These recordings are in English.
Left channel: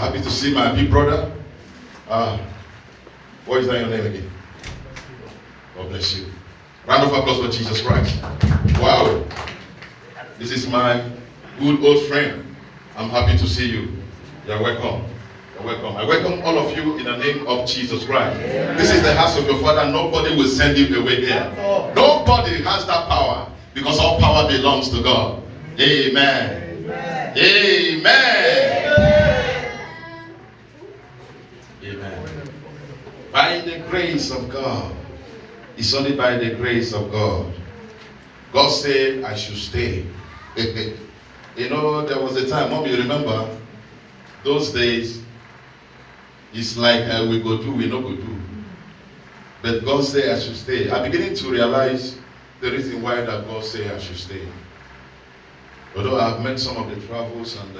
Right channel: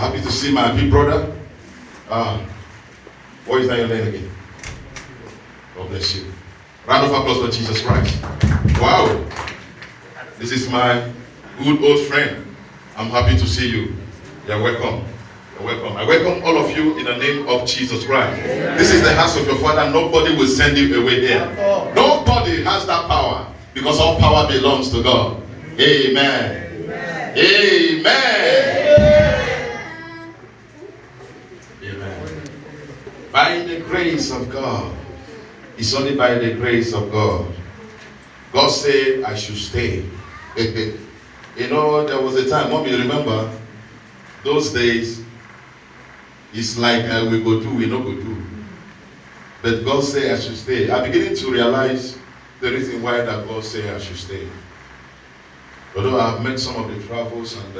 Happy to see my big brother. What is that your name again? God bless you. Round of applause for Jesus Christ. Wow. This is my good old friend. I'm happy to see you. You're welcome. You're welcome. I welcome all of you in the name of Jesus Christ. This is the house of your Father. Nobody will send you away here. Nobody has that power because all power belongs to God. Amen. Amen. Amen. Amen. By the grace of God. It's only by the grace of God. God said I should stay. You know, there was a time, Mom, you remember, those days, it's like we go do, we no go do. But God said I should stay. I'm beginning to realize the reason why that God said I should stay. Although I've met some of the travels and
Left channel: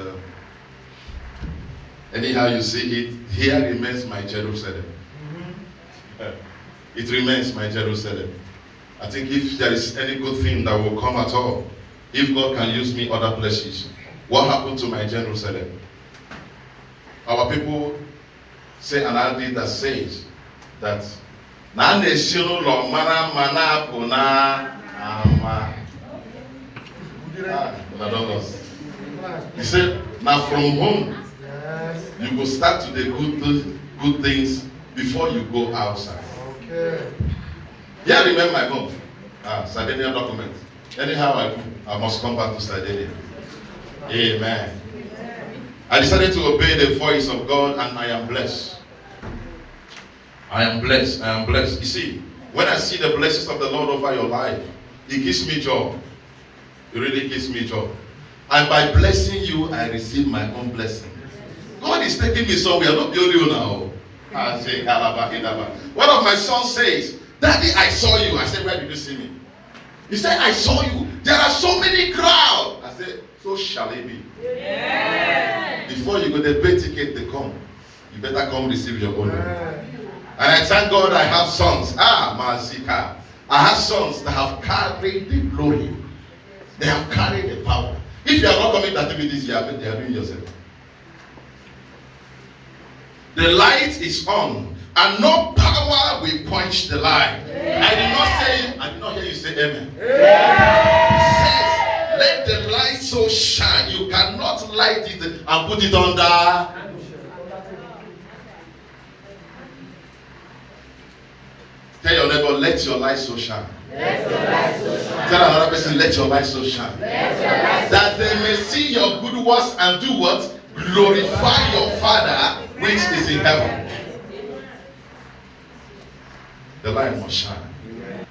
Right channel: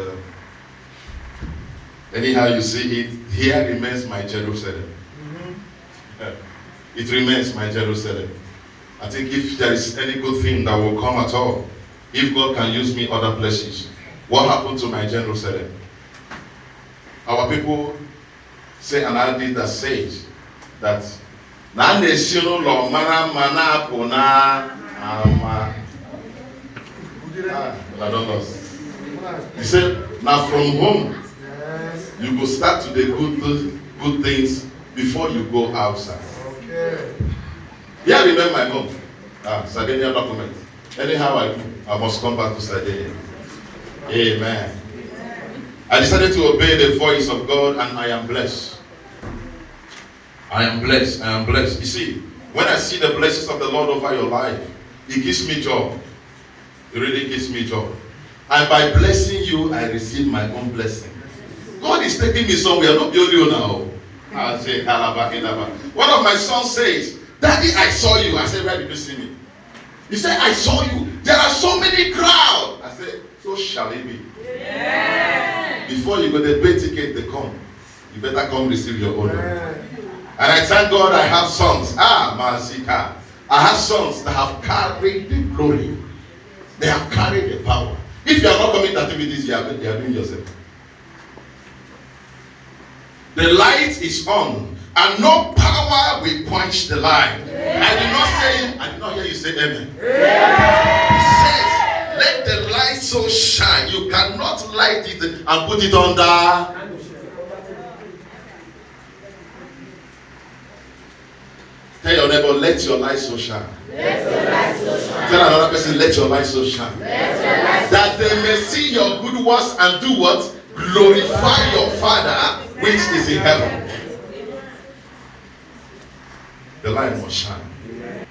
anyhow you see it, here remains my Jerusalem. It remains my Jerusalem. I think if there is any good thing that will come at all, if God can use me other places, what happened to my Jerusalem? Our people say an idea that says that na nation lo mana mana puna ama. I don't know. He said, now from home, you go start to the good things before you go outside. Yeah, remember my mom. Sardinia document. Anyhow I must come back to Sardinia. Amen. I decided to obey the voice of God and I am blessed. I am blessed. I am blessed. You see, when I see the blessings of the Lord over your life, it gives me joy. It really gives me joy. And by blessing you, I receive my own blessing. God is taking me somewhere. Not you now. I say, one of my sons says, Daddy, I saw you. I said, where did you see me? He said, I saw you. There are so many crowds. I said, so shall it be. Yeah. Before you go the pay ticket, they come. You better come receive your own. And I thank God I have sons. Masika. I have sons that have carried the glory. They have carried the power. If you are not coming to activities, you are doing yourself. The light is on, and no power will quench the light. I did not hear you say amen. He says, let the light so shine. You cannot light it and put it under. Tell your neighbor, let your light so shine. Let your light so shine. Tell another person, let your light so shine. That they may see your good works and do what? Glorify your Father which is in heaven. The light must shine.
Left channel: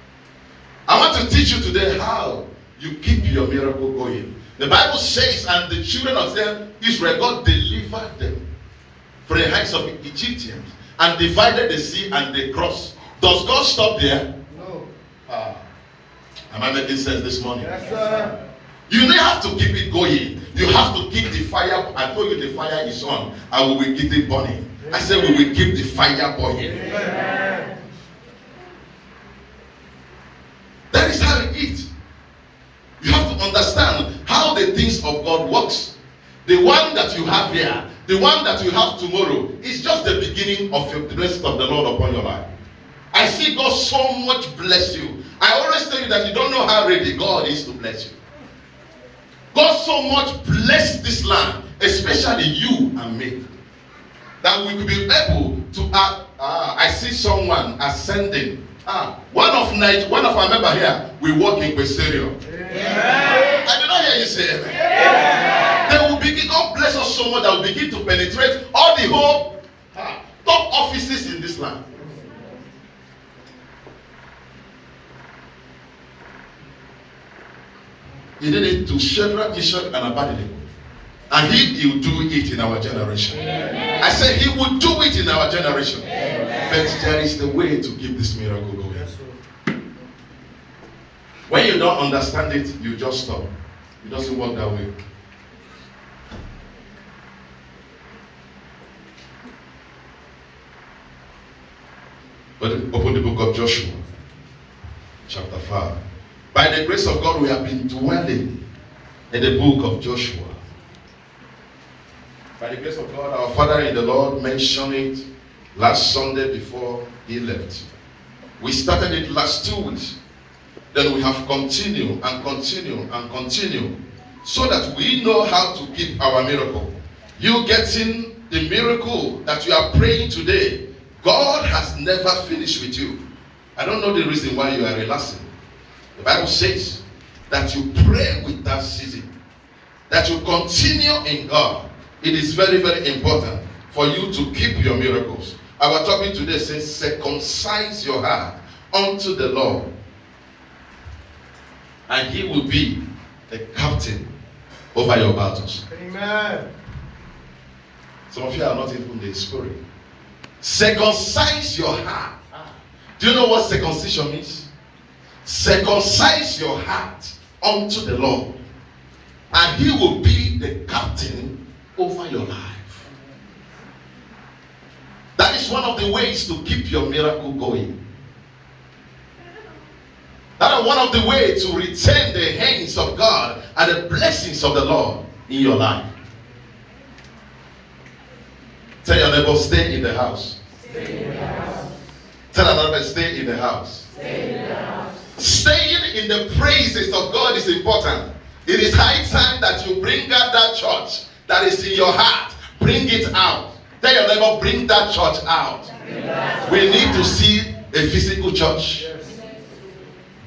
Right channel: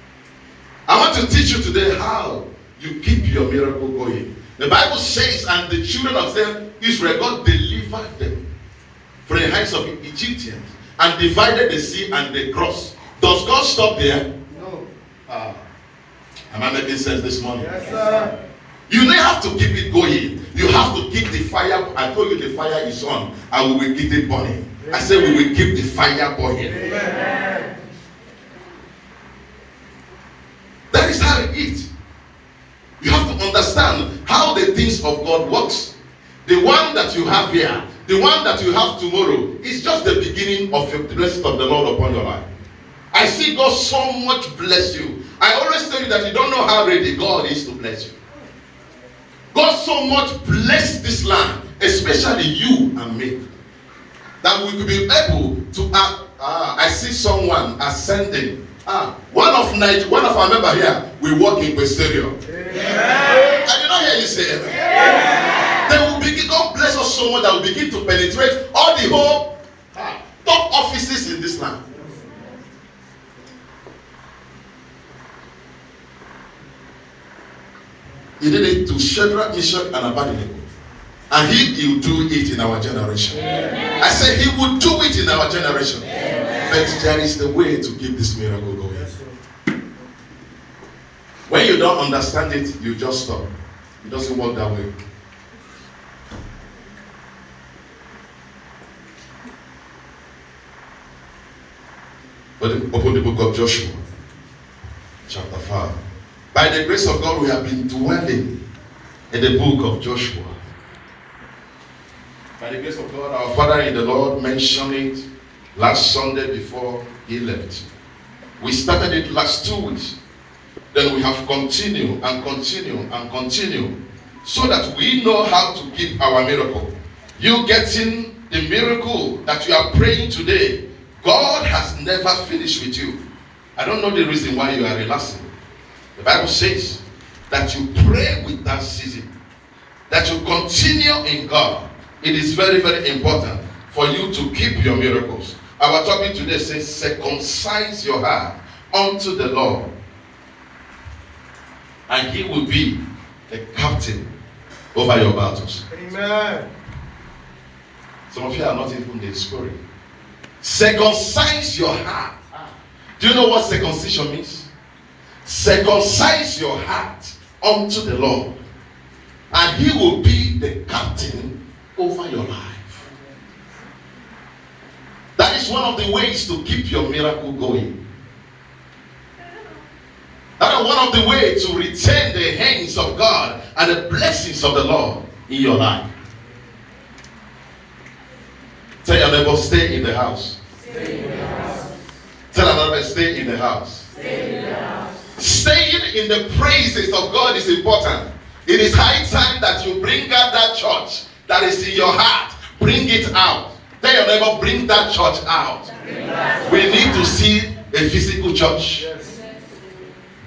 I want to teach you today how you keep your miracle going. The Bible says, and the children of Israel, God delivered them from the hands of Egyptians and divided the sea and they crossed. Does God stop there? No. Am I making sense this morning? Yes, sir. You may have to keep it going. You have to keep the fire. I told you the fire is on and we will keep it burning. I said we will keep the fire burning. Amen. That is how it is. You have to understand how the things of God works. The one that you have here, the one that you have tomorrow, is just the beginning of your blessing of the Lord upon your life. I see God so much bless you. I always tell you that you don't know how ready God is to bless you. God so much bless this land, especially you and me, that we will be able to I see someone ascending. One of our members here, we work in Questerio. I did not hear you say amen. They will begin, God bless us so much that will begin to penetrate all the whole top offices in this land. He did it to Shadrach, Meshach, and Abednego. And he will do it in our generation. Amen. I said he will do it in our generation. Amen. But there is the way to keep this miracle going. When you don't understand it, you just stop. It doesn't work that way. But open the book of Joshua, chapter 5. By the grace of God, we have been dwelling in the book of Joshua. By the grace of God, our Father in the Lord mentioned it last Sunday before he left. We started it last 2 weeks. Then we have continued and continued and continued so that we know how to keep our miracle. You getting the miracle that you are praying today, God has never finished with you. I don't know the reason why you are relaxing. The Bible says that you pray with that season, that you continue in God. It is very, very important for you to keep your miracles. Our topic today says, circumcise your heart unto the Lord, and he will be a captain over your battles. Amen. Some of you are not even in the spirit. Circumcise your heart. Do you know what circumcision means? Circumcise your heart unto the Lord, and he will be the captain over your life. That is one of the ways to keep your miracle going. That is one of the ways to retain the hands of God and the blessings of the Lord in your life. Tell your neighbor, stay in the house. Stay in the house. Tell another, stay in the house. Stay in the house. Staying in the praises of God is important. It is high time that you bring out that church that is in your heart. Bring it out. Tell your neighbor, bring that church out. We need to see a physical church. Yes.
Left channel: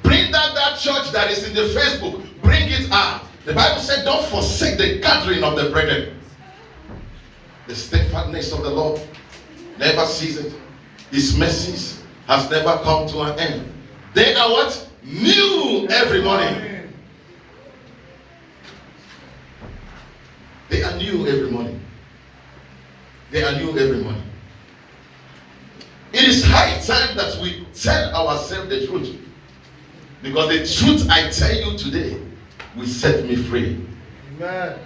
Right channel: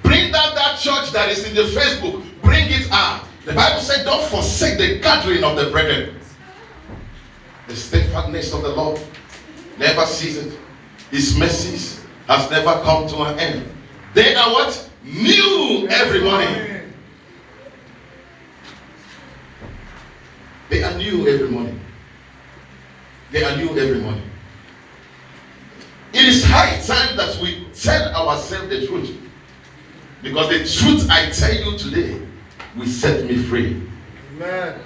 Bring that church that is in the Facebook. Bring it out. The Bible said, don't forsake the gathering of the brethren. The steadfastness of the Lord never ceases. His mercies has never come to an end. They are what? New every morning. They are new every morning. They are new every morning. It is high time that we tell ourselves the truth. Because the truth I tell you today will set me free. Amen.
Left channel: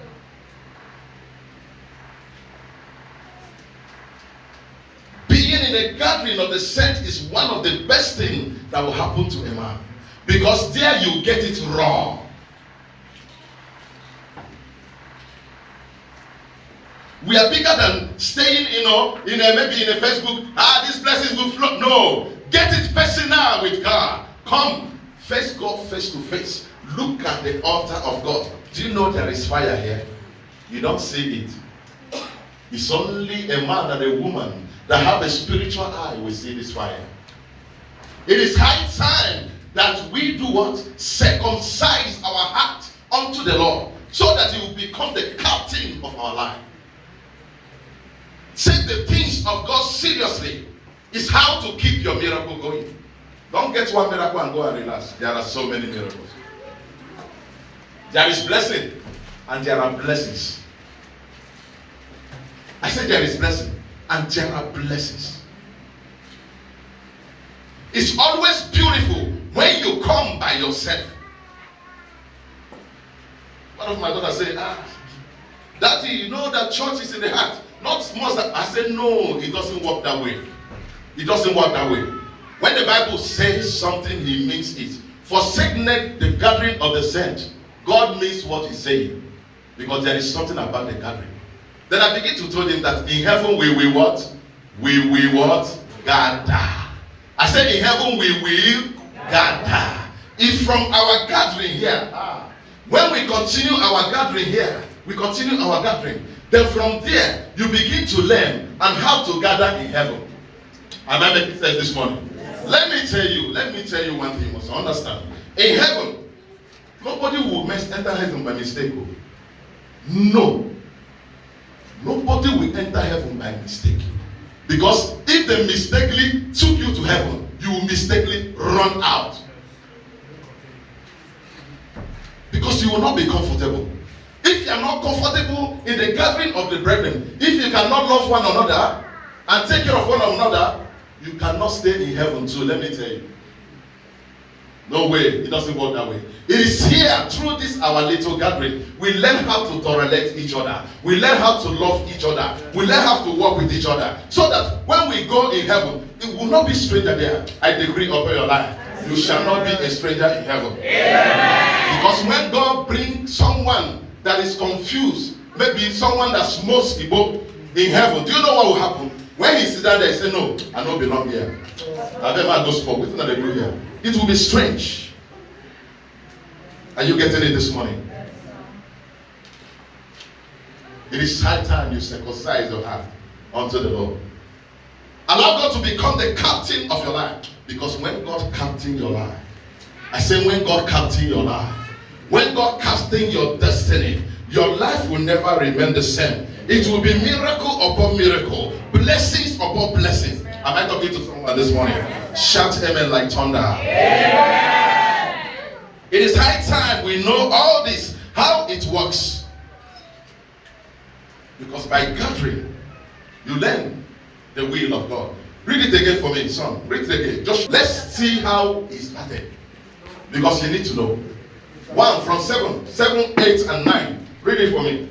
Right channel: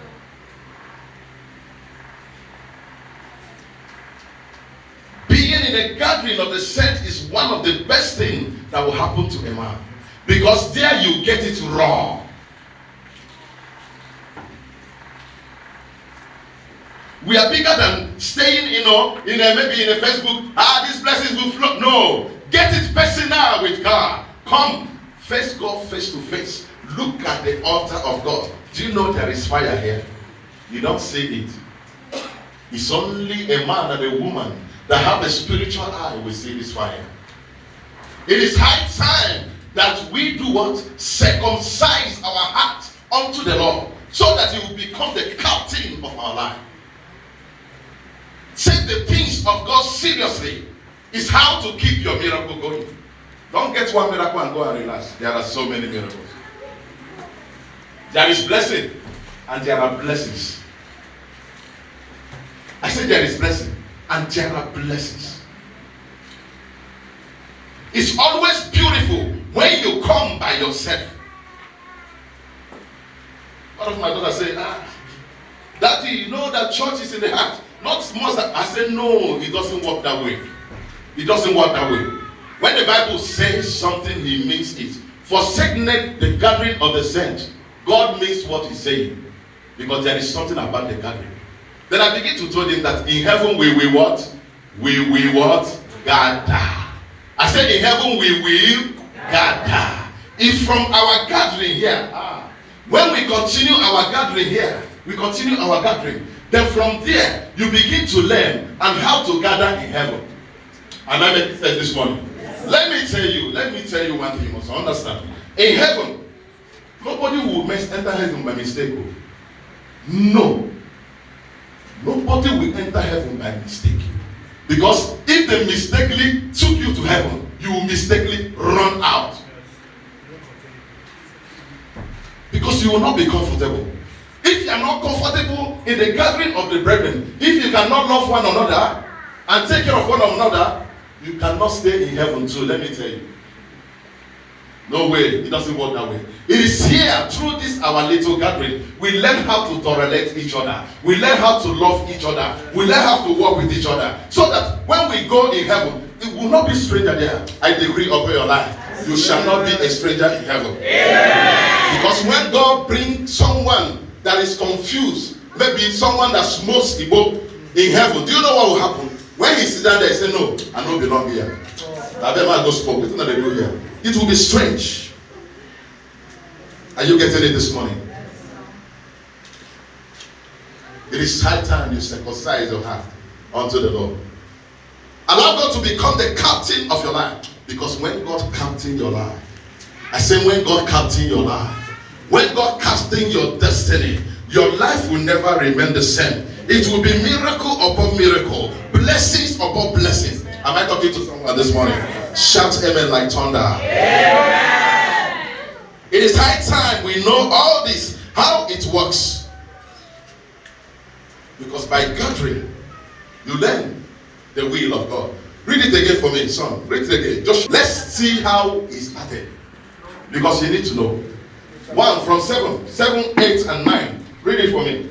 Being in a gathering of the saints is one of the best things that will happen to a man. Because there you get it raw. We are bigger than staying, maybe in a Facebook, this blessings will flow. No. Get it personal with God. Come, face God face to face. Look at the altar of God. Do you know there is fire here? You don't see it. It's only a man and a woman that have a spiritual eye will see this fire. It is high time that we do what? Circumcise our heart unto the Lord, so that he will become the captain of our life. Take the things of God seriously. Is how to keep your miracle going. Don't get one miracle and go and relax. There are so many miracles. There is blessing and there are blessings. I said there is blessing and there are blessings. It's always beautiful when you come by yourself. One of my daughters say, Daddy, you know that church is in the heart. Not much. I said, no, it doesn't work that way. It doesn't work that way. When the Bible says something, he means it. Forsake not the gathering of the saints. God means what he's saying. Because there is something about the gathering. Then I begin to tell him that in heaven we will what? We will what? Gather. I said in heaven we will gather. If from our gathering here, when we continue our gathering here, then from there you begin to learn and how to gather in heaven. Am I making sense this morning? Yes. Let me tell you one thing you must understand. In heaven, nobody will enter heaven by mistake. No. Nobody will enter heaven by mistake. Because if they mistakenly took you to heaven, you will mistakenly run out. Because you will not be comfortable. If you are not comfortable in the gathering of the brethren, if you cannot love one another and take care of one another, you cannot stay in heaven too, let me tell you. No way, it doesn't work that way. It is here, through this our little gathering, we learn how to tolerate each other. We learn how to love each other. We learn how to work with each other. So that when we go in heaven, it will not be stranger there. I decree over your life, you shall not be a stranger in heaven. Yeah. Because when God brings someone that is confused, maybe someone that smokes Igbo in heaven, do you know what will happen? When he sits down there, he say, no, I don't belong here. I better go smoke. What they do here? It will be strange. Are you getting it this morning? It is high time you circumcise your heart unto the Lord. Allow God to become the captain of your life. Because when God captain your life, I say when God captain your life, when God captain your destiny, your life will never remain the same. It will be miracle upon miracle, blessings upon blessings. Am I talking to someone this morning? Shout amen like thunder. Amen. It is high time we know all this, how it works. Because by gathering, you learn the will of God. Read it again for me, son. Read it again. Just let's see how it started. Because you need to know. 1 from 7, 8, and 9. Read it for me.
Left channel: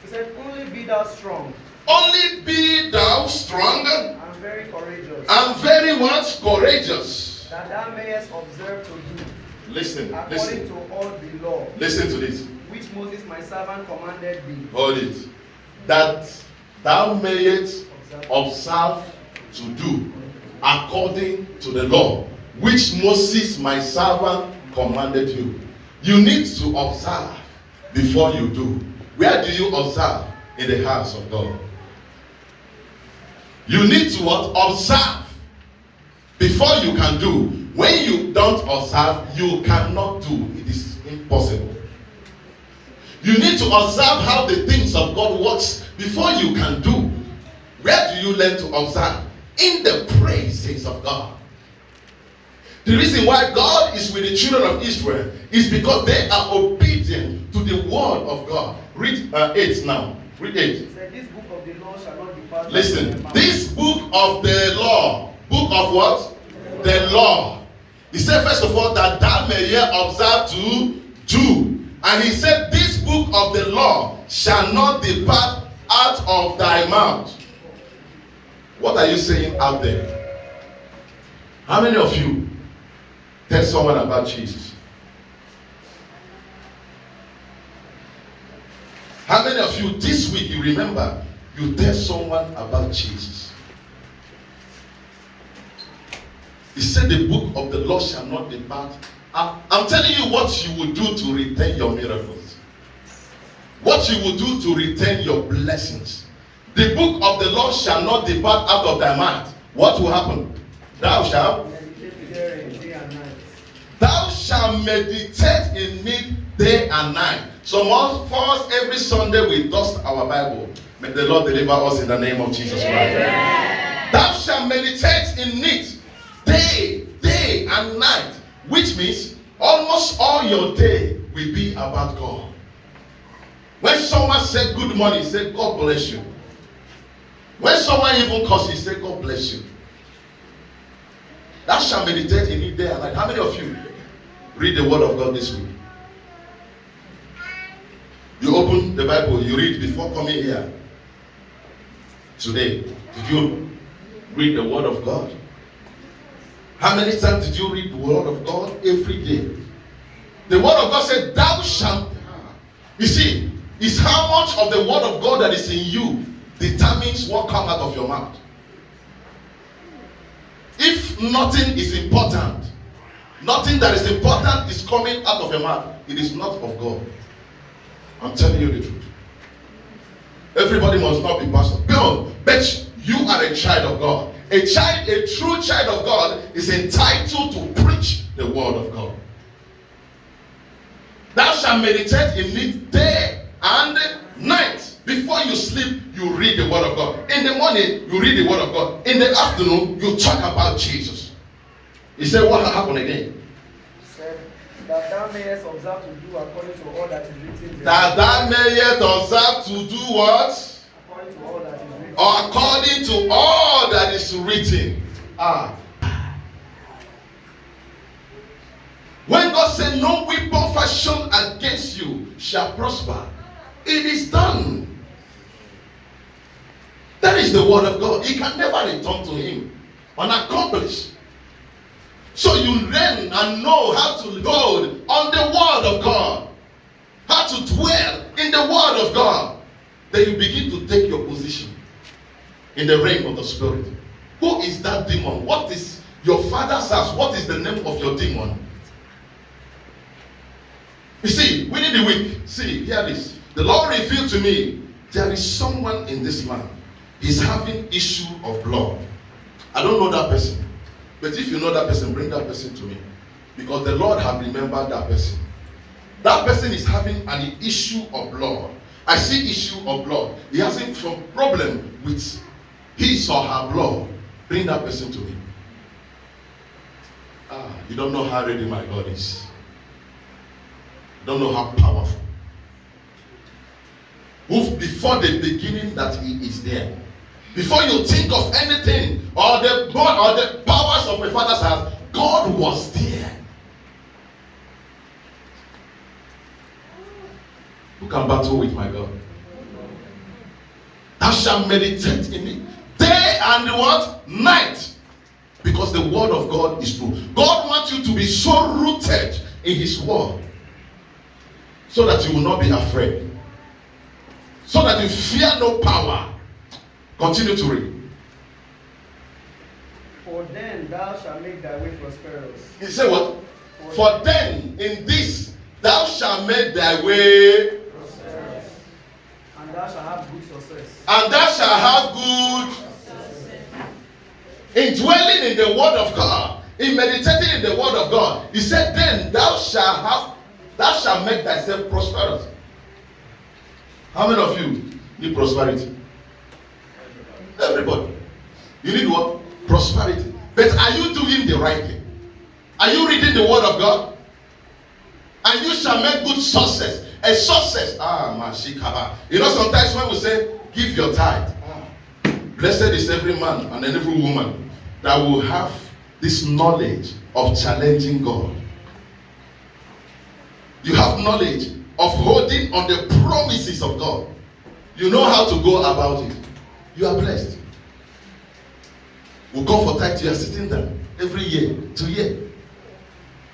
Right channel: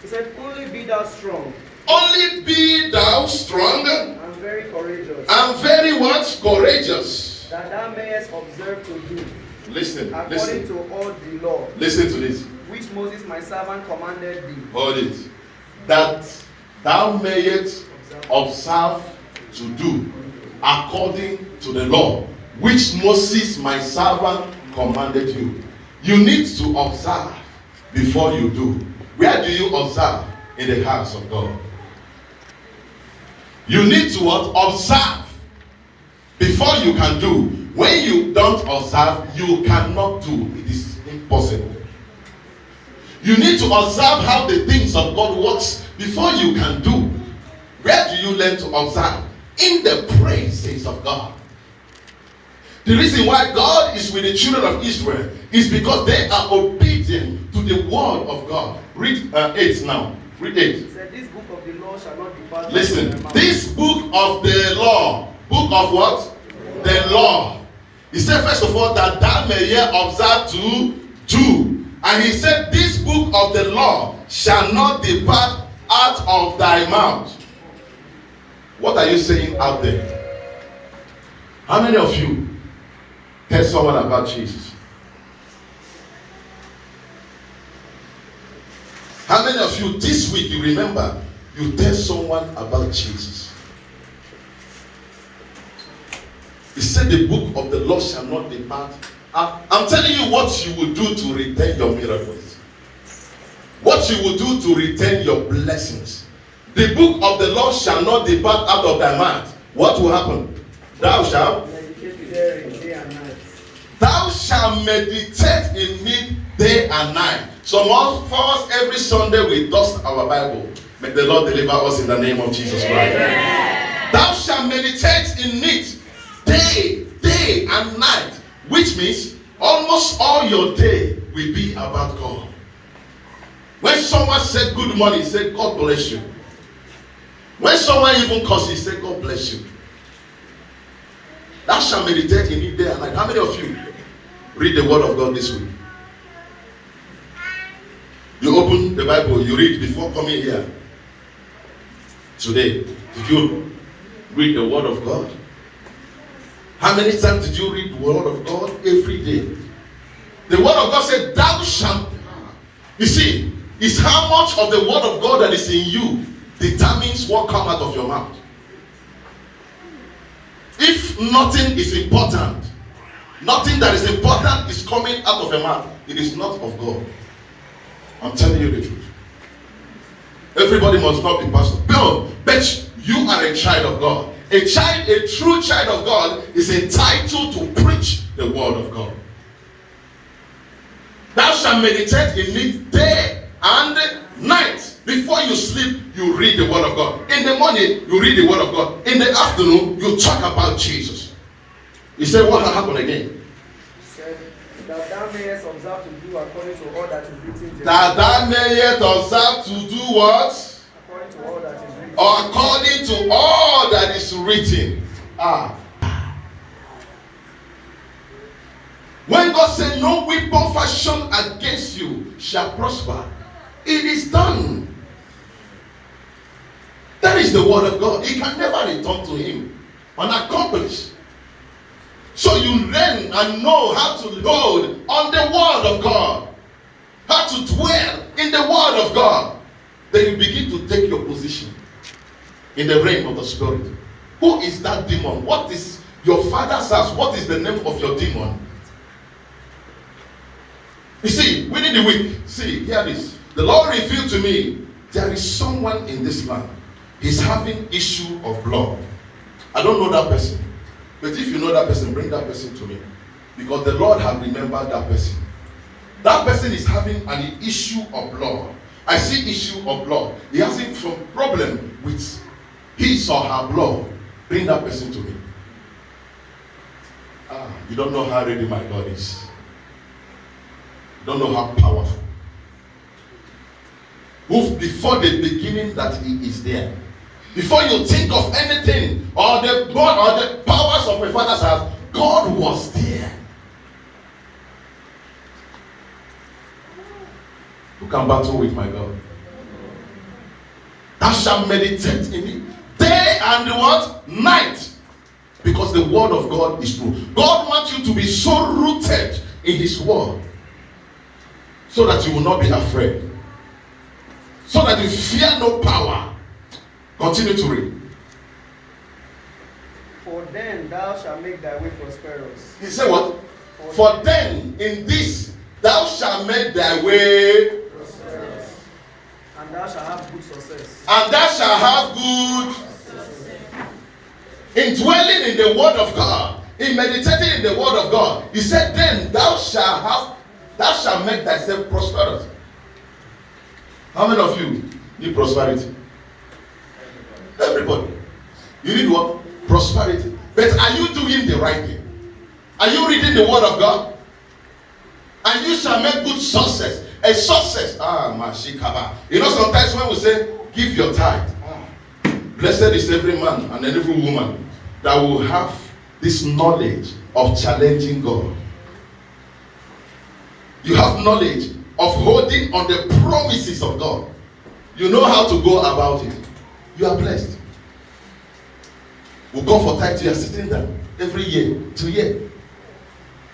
He said, only be thou strong. Only be thou strong. And very courageous. And very what? Courageous. That thou mayest observe to do. Listen. According to all the law. Listen to this. Which Moses my servant commanded thee. Hold it. That thou mayest observe to do according to the law which Moses my servant commanded you. You need to observe before you do. Where do you observe? In the house of God. You need to observe before you can do. When you don't observe, you cannot do. It is impossible. You need to observe how the things of God works before you can do. Where do you learn to observe? In the praises of God. The reason why God is with the children of Israel is because they are obedient to the word of God. Read 8 now. Read 8. He said, this book of the law shall not depart. Listen, this book of the law. Book of what? The law. He said, first of all, that thou mayest observe to do. And he said, this book of the law shall not depart out of thy mouth. What are you saying out there? How many of you tell someone about Jesus? How many of you this week you remember you tell someone about Jesus? He said the book of the law shall not depart. I'm telling you what you will do to retain your miracles. What you will do to retain your blessings. The book of the law shall not depart out of thy mouth. What will happen? Thou shalt meditate therein day and night. Thou shalt meditate in it day and night. So for us every Sunday we dust our Bible. May the Lord deliver us in the name of Jesus Christ. Thou shalt meditate in it day and night. Which means almost all your day will be about God. When someone said good morning, say God bless you. When someone even curses, say God bless you. Thou shalt meditate in it day and night. How many of you read the word of God this week? You open the Bible, you read before coming here today. Did you read the word of God? How many times did you read the word of God? Every day. The word of God said, thou shalt. You see, it's how much of the word of God that is in you determines what comes out of your mouth. If nothing is important, nothing that is important is coming out of your mouth, it is not of God. I'm telling you the truth. Everybody must not be pastor. But you are a child of God. A true child of God is entitled to preach the word of God. Thou shalt meditate in it day and night. Before you sleep, you read the word of God. In the morning, you read the word of God. In the afternoon, you talk about Jesus. He said, what happened again? He said, that thou mayest observe to do according to all that is written. That thou mayest observe to do what? According to all that is written. According to all that is written. When God said, no weapon fashioned against you shall prosper, it is done. That is the word of God. It can never return to him unaccomplished. So you learn and know how to hold on the word of God. how to dwell in the word of God, then you begin to take your position in the realm of the spirit. Who is that demon? What is your father's house? What is the name of your demon? You see, within the week, hear this. The Lord revealed to me, there is someone in this land. He's having issue of blood. I don't know that person. But if you know that person, bring that person to me. Because the Lord has remembered that person. That person is having an issue of blood. I see issue of blood. He has some problem with his or her blood. Bring that person to me. You don't know how ready my God is. You don't know how powerful. Move before the beginning that he is there. Before you think of anything or the God or the powers of my father's house, God was there. Who can battle with my God? Thou shalt meditate in it day and what? Night. Because the word of God is true. God wants you to be so rooted in his word so that you will not be afraid. So that you fear no power. Continue to read. For then thou shalt make thy way prosperous. He said what? For then in this thou shalt make thy way prosperous. And thou shalt have good success. And thou shalt have good success. In dwelling in the word of God, in meditating in the word of God, he said, then thou shalt make thyself prosperous. How many of you need prosperity? Everybody. You need what? Prosperity. But are you doing the right thing? Are you reading the word of God? And you shall make good success. A success. Mashikaba. You know, sometimes when we say, give your tithe. Blessed is every man and every woman that will have this knowledge of challenging God. You have knowledge of holding on the promises of God. You know how to go about it. You are blessed. We'll come for tithe. You are sitting there every year, 2 years.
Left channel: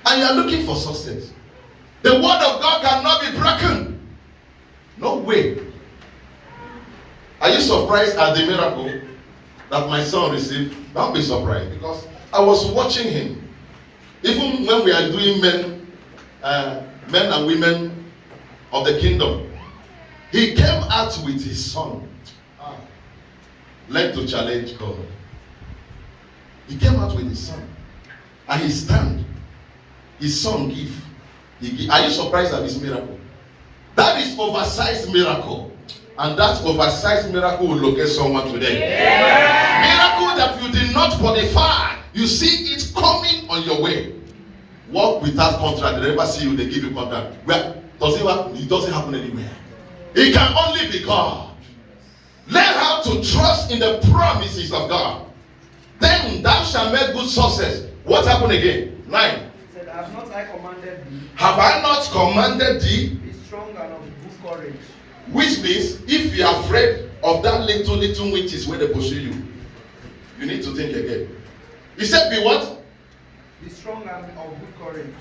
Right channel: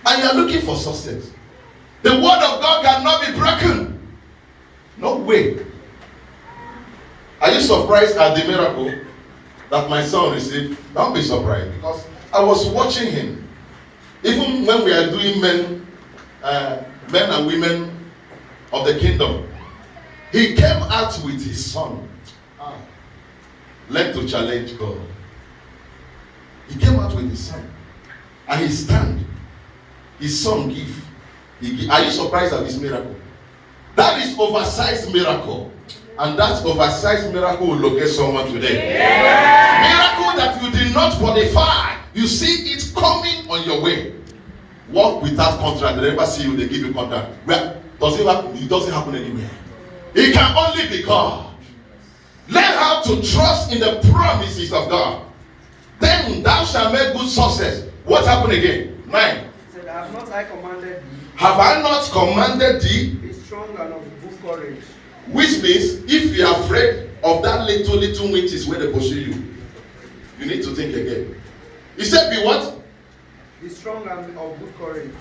And you are looking for success. The word of God cannot be broken. No way. Are you surprised at the miracle that my son received? Don't be surprised, because I was watching him. Even when we are doing men and women of the kingdom, he came out with his son. Like to challenge God. He came out with his son. And he stand. His son give. Are you surprised at this miracle? That is oversized miracle. And that oversized miracle will locate someone today. Yeah. Miracle that you did not qualify. You see it coming on your way. Work without contract. They never see you, they give you contract. Well, it doesn't happen anywhere. It can only be God. Learn how to trust in the promises of God. Then thou shalt make good success. What happened again? 9. He said, have not I commanded thee? Have I not commanded thee? Be strong and of good courage. Which means, if you are afraid of that little witches where they pursue you, you need to think again. He said, be what? Be strong and of good courage.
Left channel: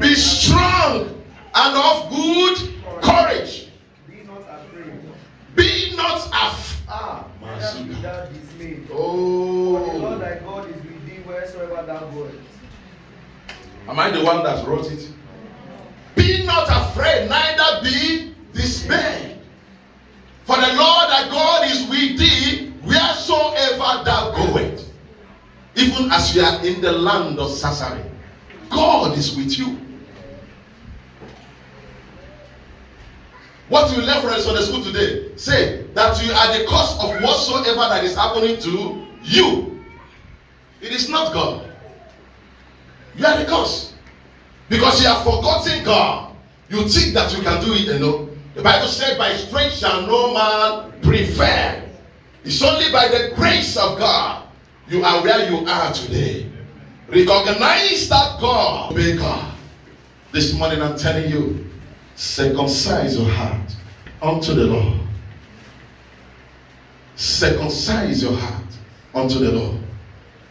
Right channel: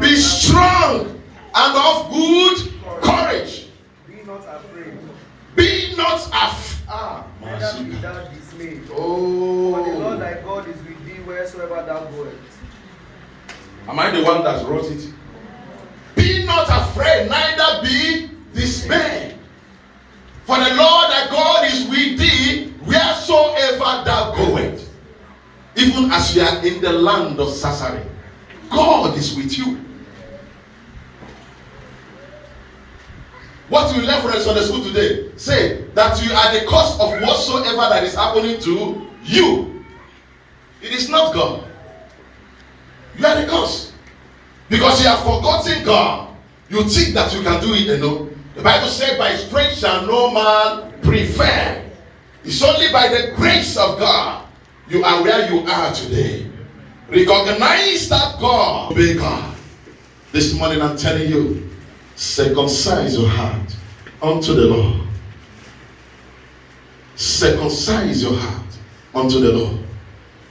Be strong and of good courage. Be not afraid. Be not afraid. Neither be thou dismayed. Oh. For the Lord thy God is with thee wheresoever thou goest. Am I the one that wrote it? Be not afraid, neither be dismayed. For the Lord thy God is with thee wheresoever thou goest. Even as you are in the land of Sasari, God is with you. What you learn from the Sunday school today, say that you are the cause of whatsoever that is happening to you. It is not God. You are the cause. Because you have forgotten God. You think that you can do it alone. The Bible said, by strength shall no man prevail. It's only by the grace of God you are where you are today. Recognize that God will be God. This morning I'm telling you, circumcise your heart unto the Lord. Circumcise your heart unto the Lord.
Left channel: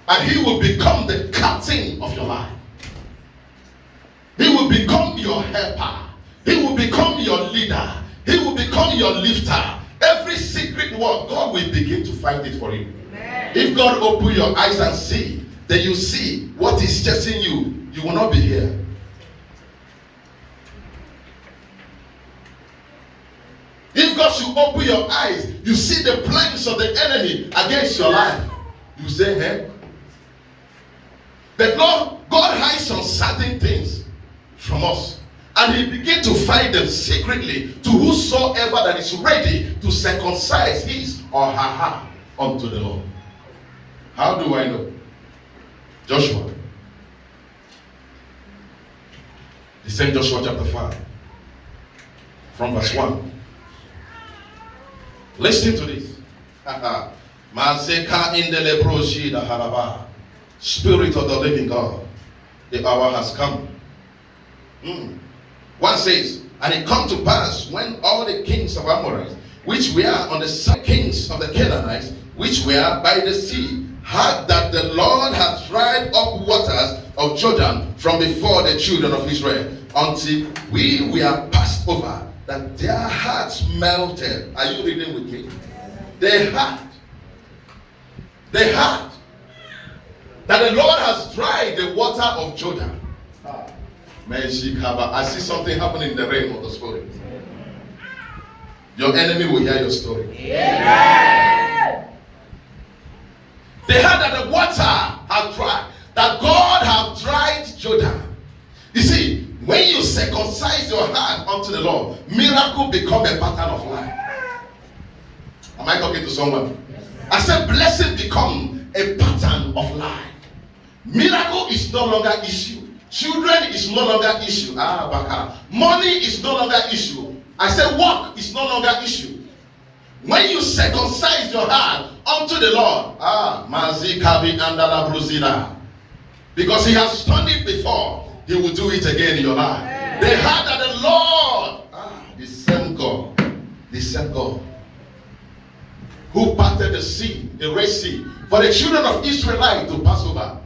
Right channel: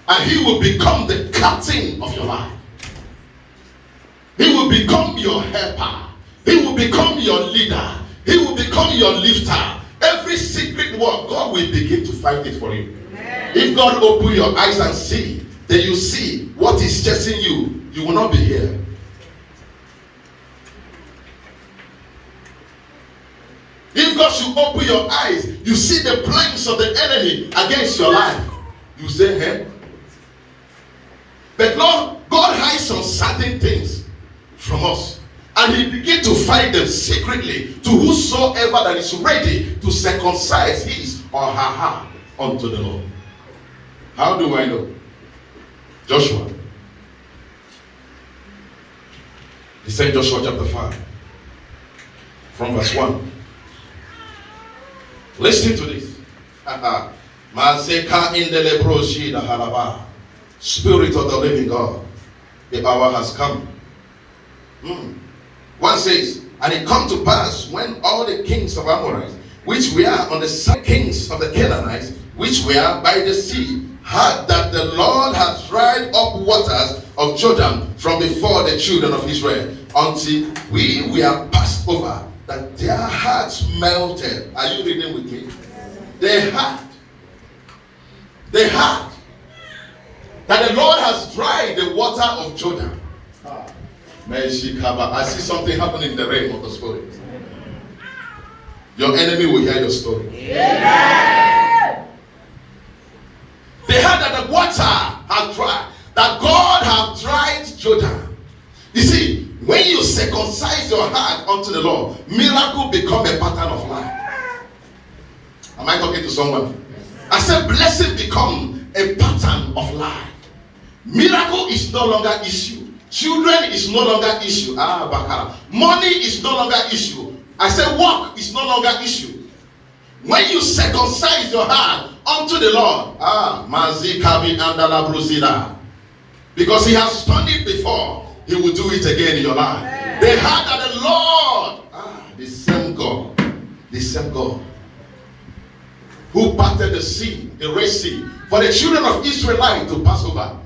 And he will become the captain of your life. He will become your helper. He will become your leader. He will become your lifter. Every secret work, God will begin to fight it for you. If God open your eyes and see, then you see what is chasing you, you will not be here. If God should open your eyes, you see the plans of the enemy against your life, you say, hey. But Lord, God hides some certain things from us. And he began to fight them secretly to whosoever that is ready to circumcise his or her heart unto the Lord. How do I know? Joshua. He said Joshua chapter 5 from verse 1. Listen to this. Spirit of the living God, the hour has come. One says, and it come to pass when all the kings of Amorites, which were on the side, kings of the Canaanites, which were by the sea, heard that the Lord had dried up waters of Jordan from before the children of Israel, until we were passed over, that their hearts melted. Are you reading with me? They heard that the Lord has dried the water of Jordan. I see something happening in the realm of the spirit. Your enemy will hear your story. Amen. They heard that the water has dried, that God has dried Jordan. You see, when you circumcise your heart unto the Lord, miracle become a pattern of life. Am I talking to someone? I said blessing become a pattern of life. Miracle is no longer issue. Children is no longer issue. Money is no longer issue. I said work is no longer issue. When you circumcise your heart unto the Lord, because he has done it before, he will do it again in your life. They heard that the Lord, the same God, who parted the sea, the Red Sea, for the children of Israel to pass over,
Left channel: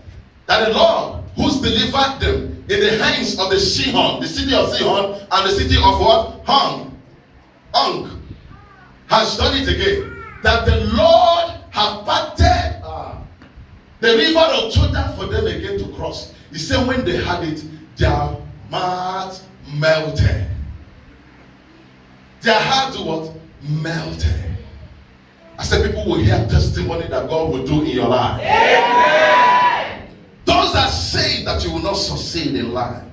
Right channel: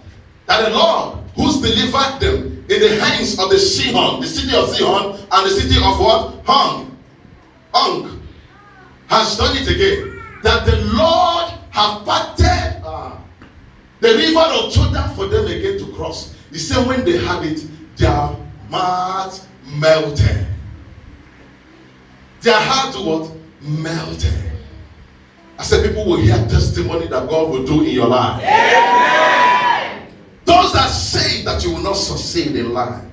that the Lord who's delivered them in the hands of the Sihon, the city of Sihon, and the city of what? Hung, has done it again. That the Lord have parted the river of Jordan for them again to cross. He said when they had it, their hearts melted. Their hearts what? Melted. I said people will hear testimony that God will do in your life. Amen. Those that say that you will not succeed in life,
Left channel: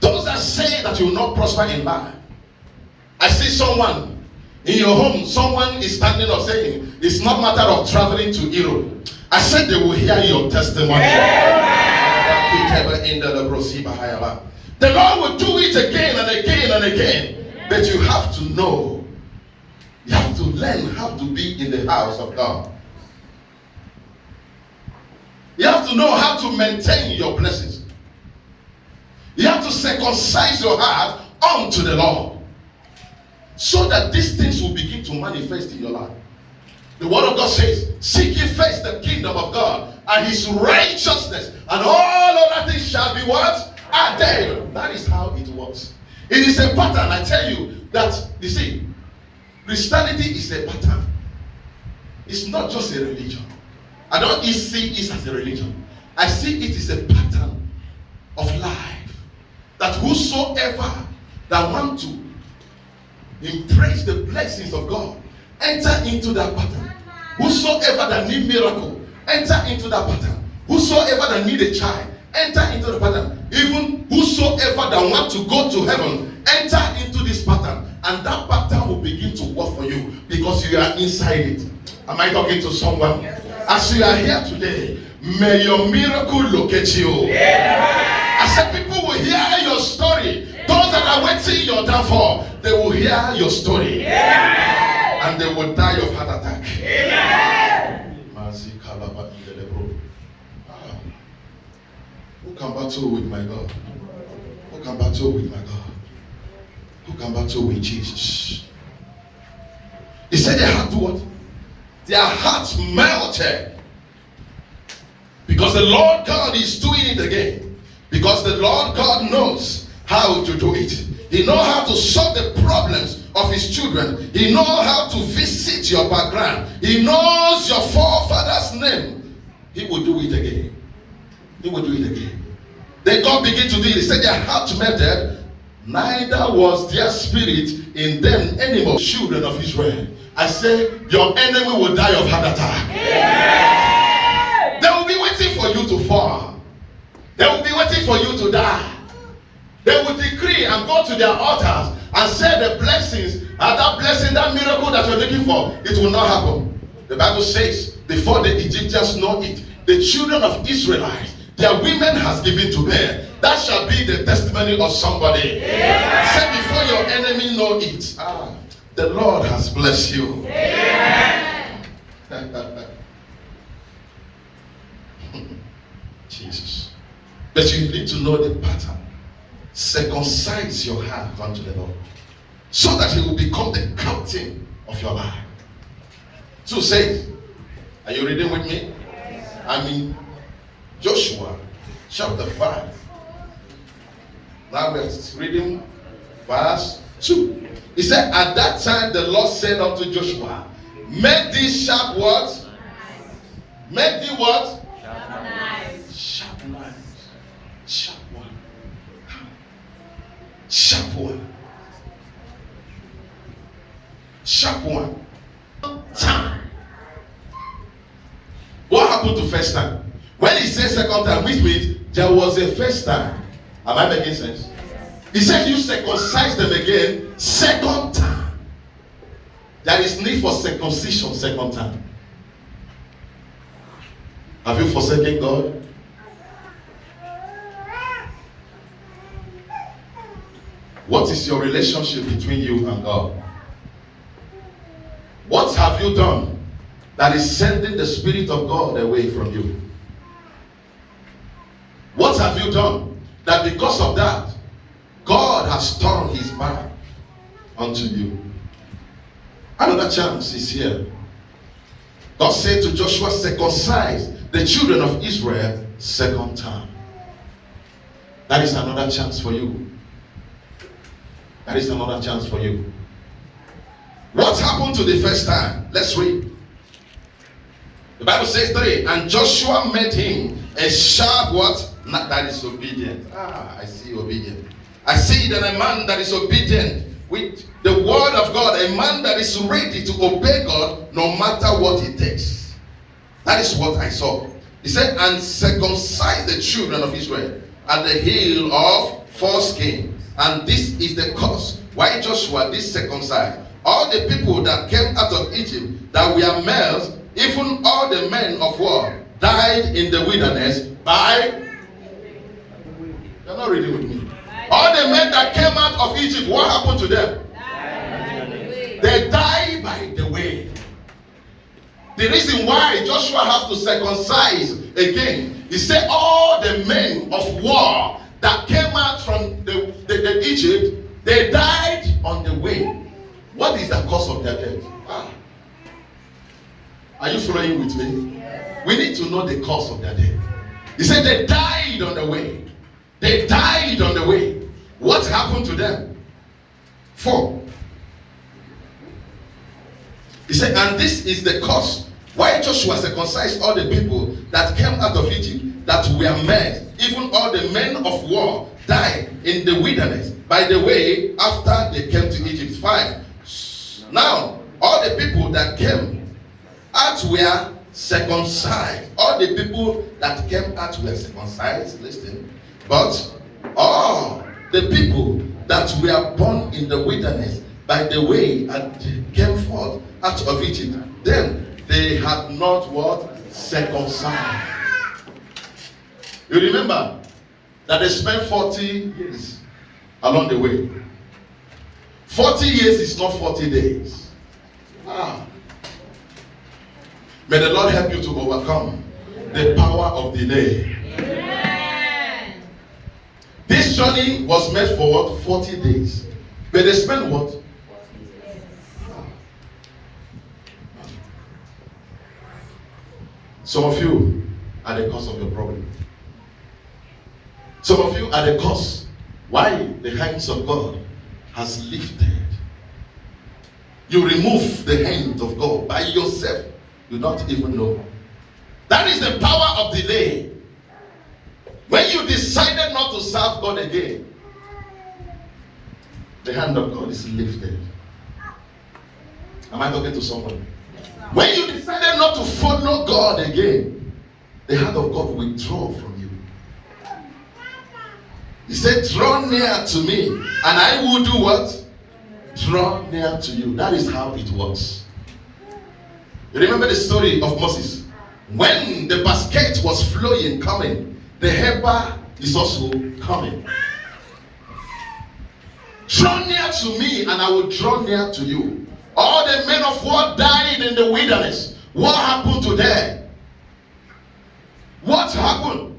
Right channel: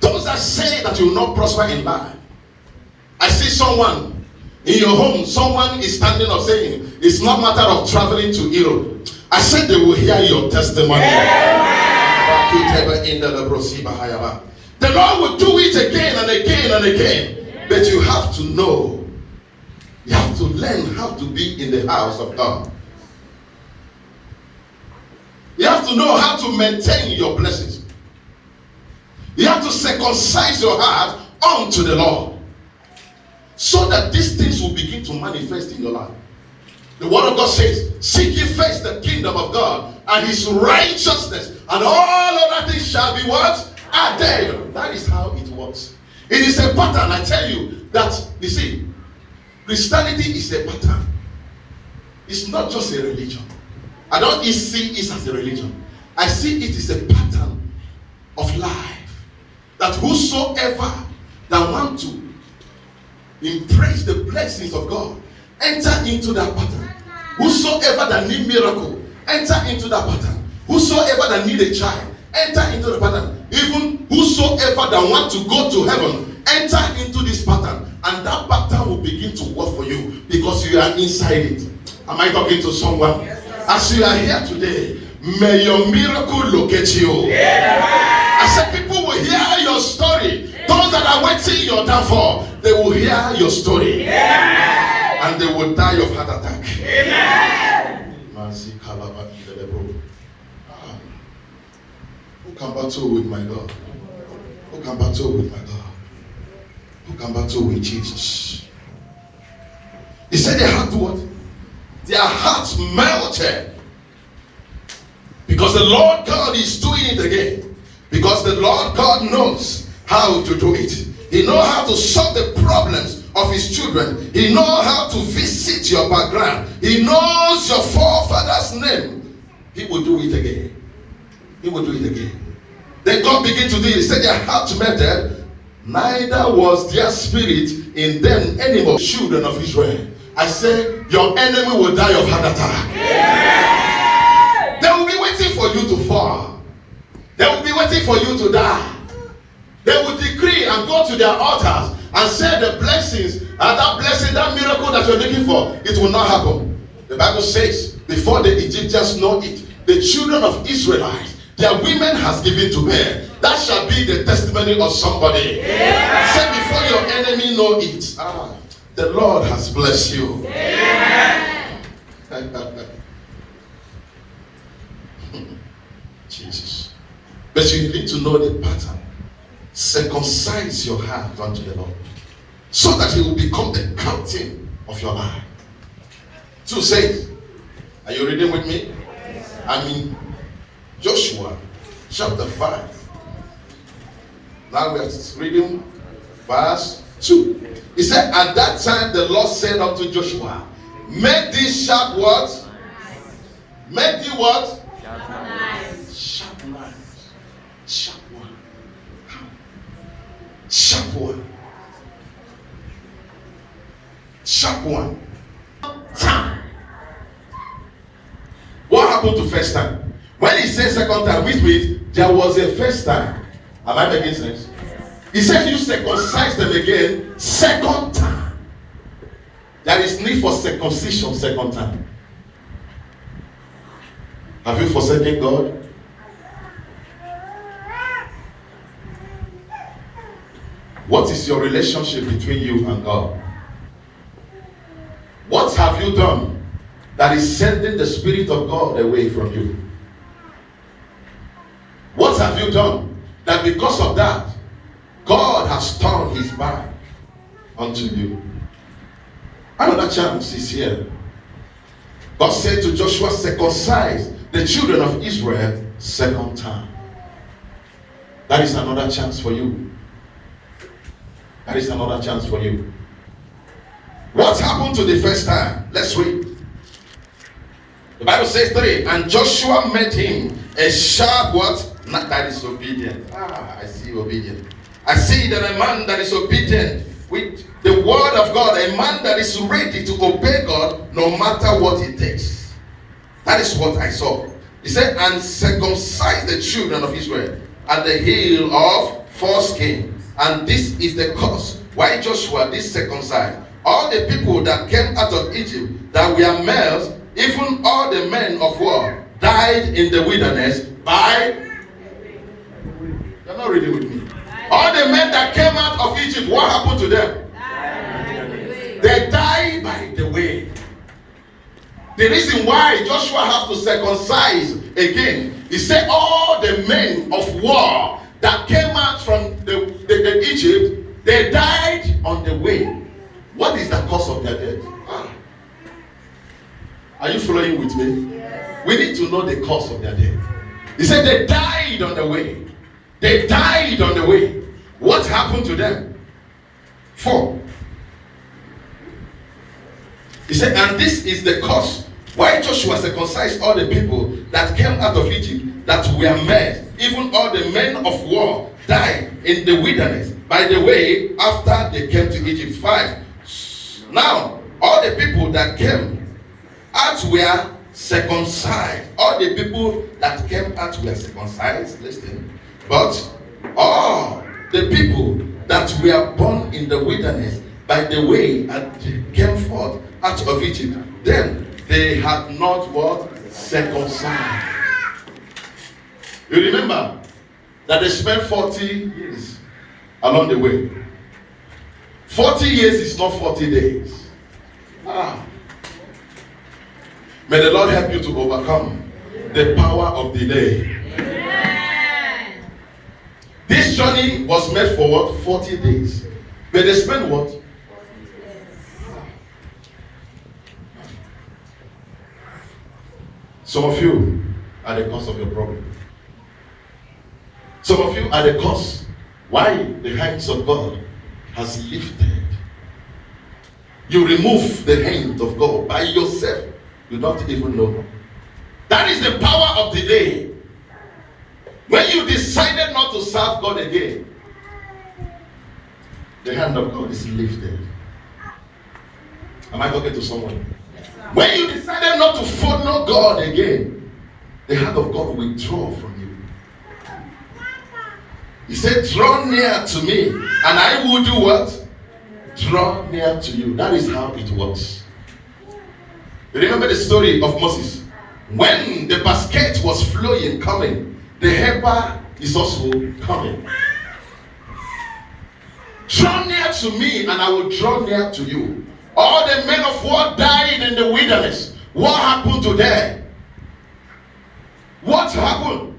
those that say that you will not prosper in life, I see someone in your home, someone is standing up saying it's not matter of traveling to Europe. I said they will hear your testimony. The Lord will do it again and again and again. But you have to know, you have to learn how to be in the house of God. You have to know how to maintain your blessings. You have to circumcise your heart unto the Lord, so that these things will begin to manifest in your life. The word of God says, seek ye first the kingdom of God and his righteousness, and all other things shall be what? Added. That is how it works. It is a pattern. I tell you that, you see, Christianity is a pattern. It's not just a religion. I don't see it as a religion. I see it is a pattern of life. That whosoever that want to embrace the blessings of God, enter into that pattern. Whosoever that need miracle, enter into that pattern. Whosoever that need a child, enter into the pattern. Even whosoever that want to go to heaven, enter into this pattern. And that pattern will begin to work for you because you are inside it. Am I talking to someone? Yes. As you are here today, may your miracle locate you. Yeah. I said people will hear your story. Those that are waiting your downfall, they will hear your story. Yeah. And they will die of heart attack. Yeah. Who can battle with my God? Who can battle with my God? Who can battle with Jesus? He said they had to what? Their hearts melted. Because the Lord God is doing it again. Because the Lord God knows how to do it. He knows how to solve the problems of his children. He knows how to visit your background. He knows your forefathers' name. He will do it again. He will do it again. Then God began to do it. He said their heart melted, neither was their spirit in them anymore. Children of Israel, I say your enemy will die of heart attack. Yeah. They will be waiting for you to fall. They will be waiting for you to die. They will decree and go to their altars and say the blessings, that blessing, that miracle that you're looking for, it will not happen. The Bible says, before the Egyptians know it, the children of Israelites, their women has given to bear. That shall be the testimony of somebody. Amen. Say before your enemy know it, the Lord has blessed you. Amen. Jesus. But you need to know the pattern. Circumcise your heart unto the Lord, so that he will become the captain of your life. So says, are you reading with me? I'm in Joshua chapter 5. Now we are reading verse 2. He said, at that time the Lord said unto Joshua, make these sharp words. Make the what? Sharp knives. Sharp knives. Sharp one. Sharp one. Sharp one. Time. What happened to first time? When he said second time, which means there was a first time. Am I making sense? He said you circumcise them again second time. There is need for circumcision second time. Have you forsaken God? What is your relationship between you and God? What have you done that is sending the Spirit of God away from you? What have you done that because of that, God has turned his back unto you? Another chance is here. God said to Joshua, circumcise the children of Israel second time. That is another chance for you. That is another chance for you. What happened to the first time? Let's read. The Bible says 3. And Joshua made him a sharp what? Not that is obedient. I see obedient. I see that a man that is obedient with the word of God, a man that is ready to obey God no matter what it takes. That is what I saw. He said, and circumcise the children of Israel at the hill of foreskin. And this is the cause why Joshua did circumcise all the people that came out of Egypt that were males, even all the men of war died in the wilderness by... You're not reading with me. All the men that came out of Egypt, what happened to them? They died by the way. The reason why Joshua has to circumcise again, he said all the men of war that came out from the Egypt, they died on the way. What is the cause of their death? Are you following with me? Yes. We need to know the cause of their death. He said they died on the way. They died on the way. What happened to them? 4. He said, and this is the cause why Joshua circumcised all the people that came out of Egypt that were men, even all the men of war died in the wilderness by the way after they came to Egypt. 5. Now, all the people that came out were circumcised. All the people that came out were circumcised. Listen. But all the people that were born in the wilderness by the way and came forth out of Egypt, then they had not what? Circumcised. You remember that they spent 40 years along the way. 40 years is not 40 days. May the Lord help you to overcome the power of delay. Amen. This journey was made for what? 40 days. But they spent what? 40 years. Some of you are the cause of your problem. Some of you are the cause why the hands of God has lifted. You remove the hand of God by yourself. You don't even know. That is the power of delay. When you decided not to serve God again, the hand of God is lifted. Am I talking to someone? When you decided not to follow God again, the hand of God will withdraw from you. He said, draw near to me, and I will do what? Draw near to you. That is how it works. You remember the story of Moses? When the basket was flowing, coming, the helper is also coming. Draw near to me, and I will draw near to you. All the men of war died in the wilderness. What happened to them? What happened?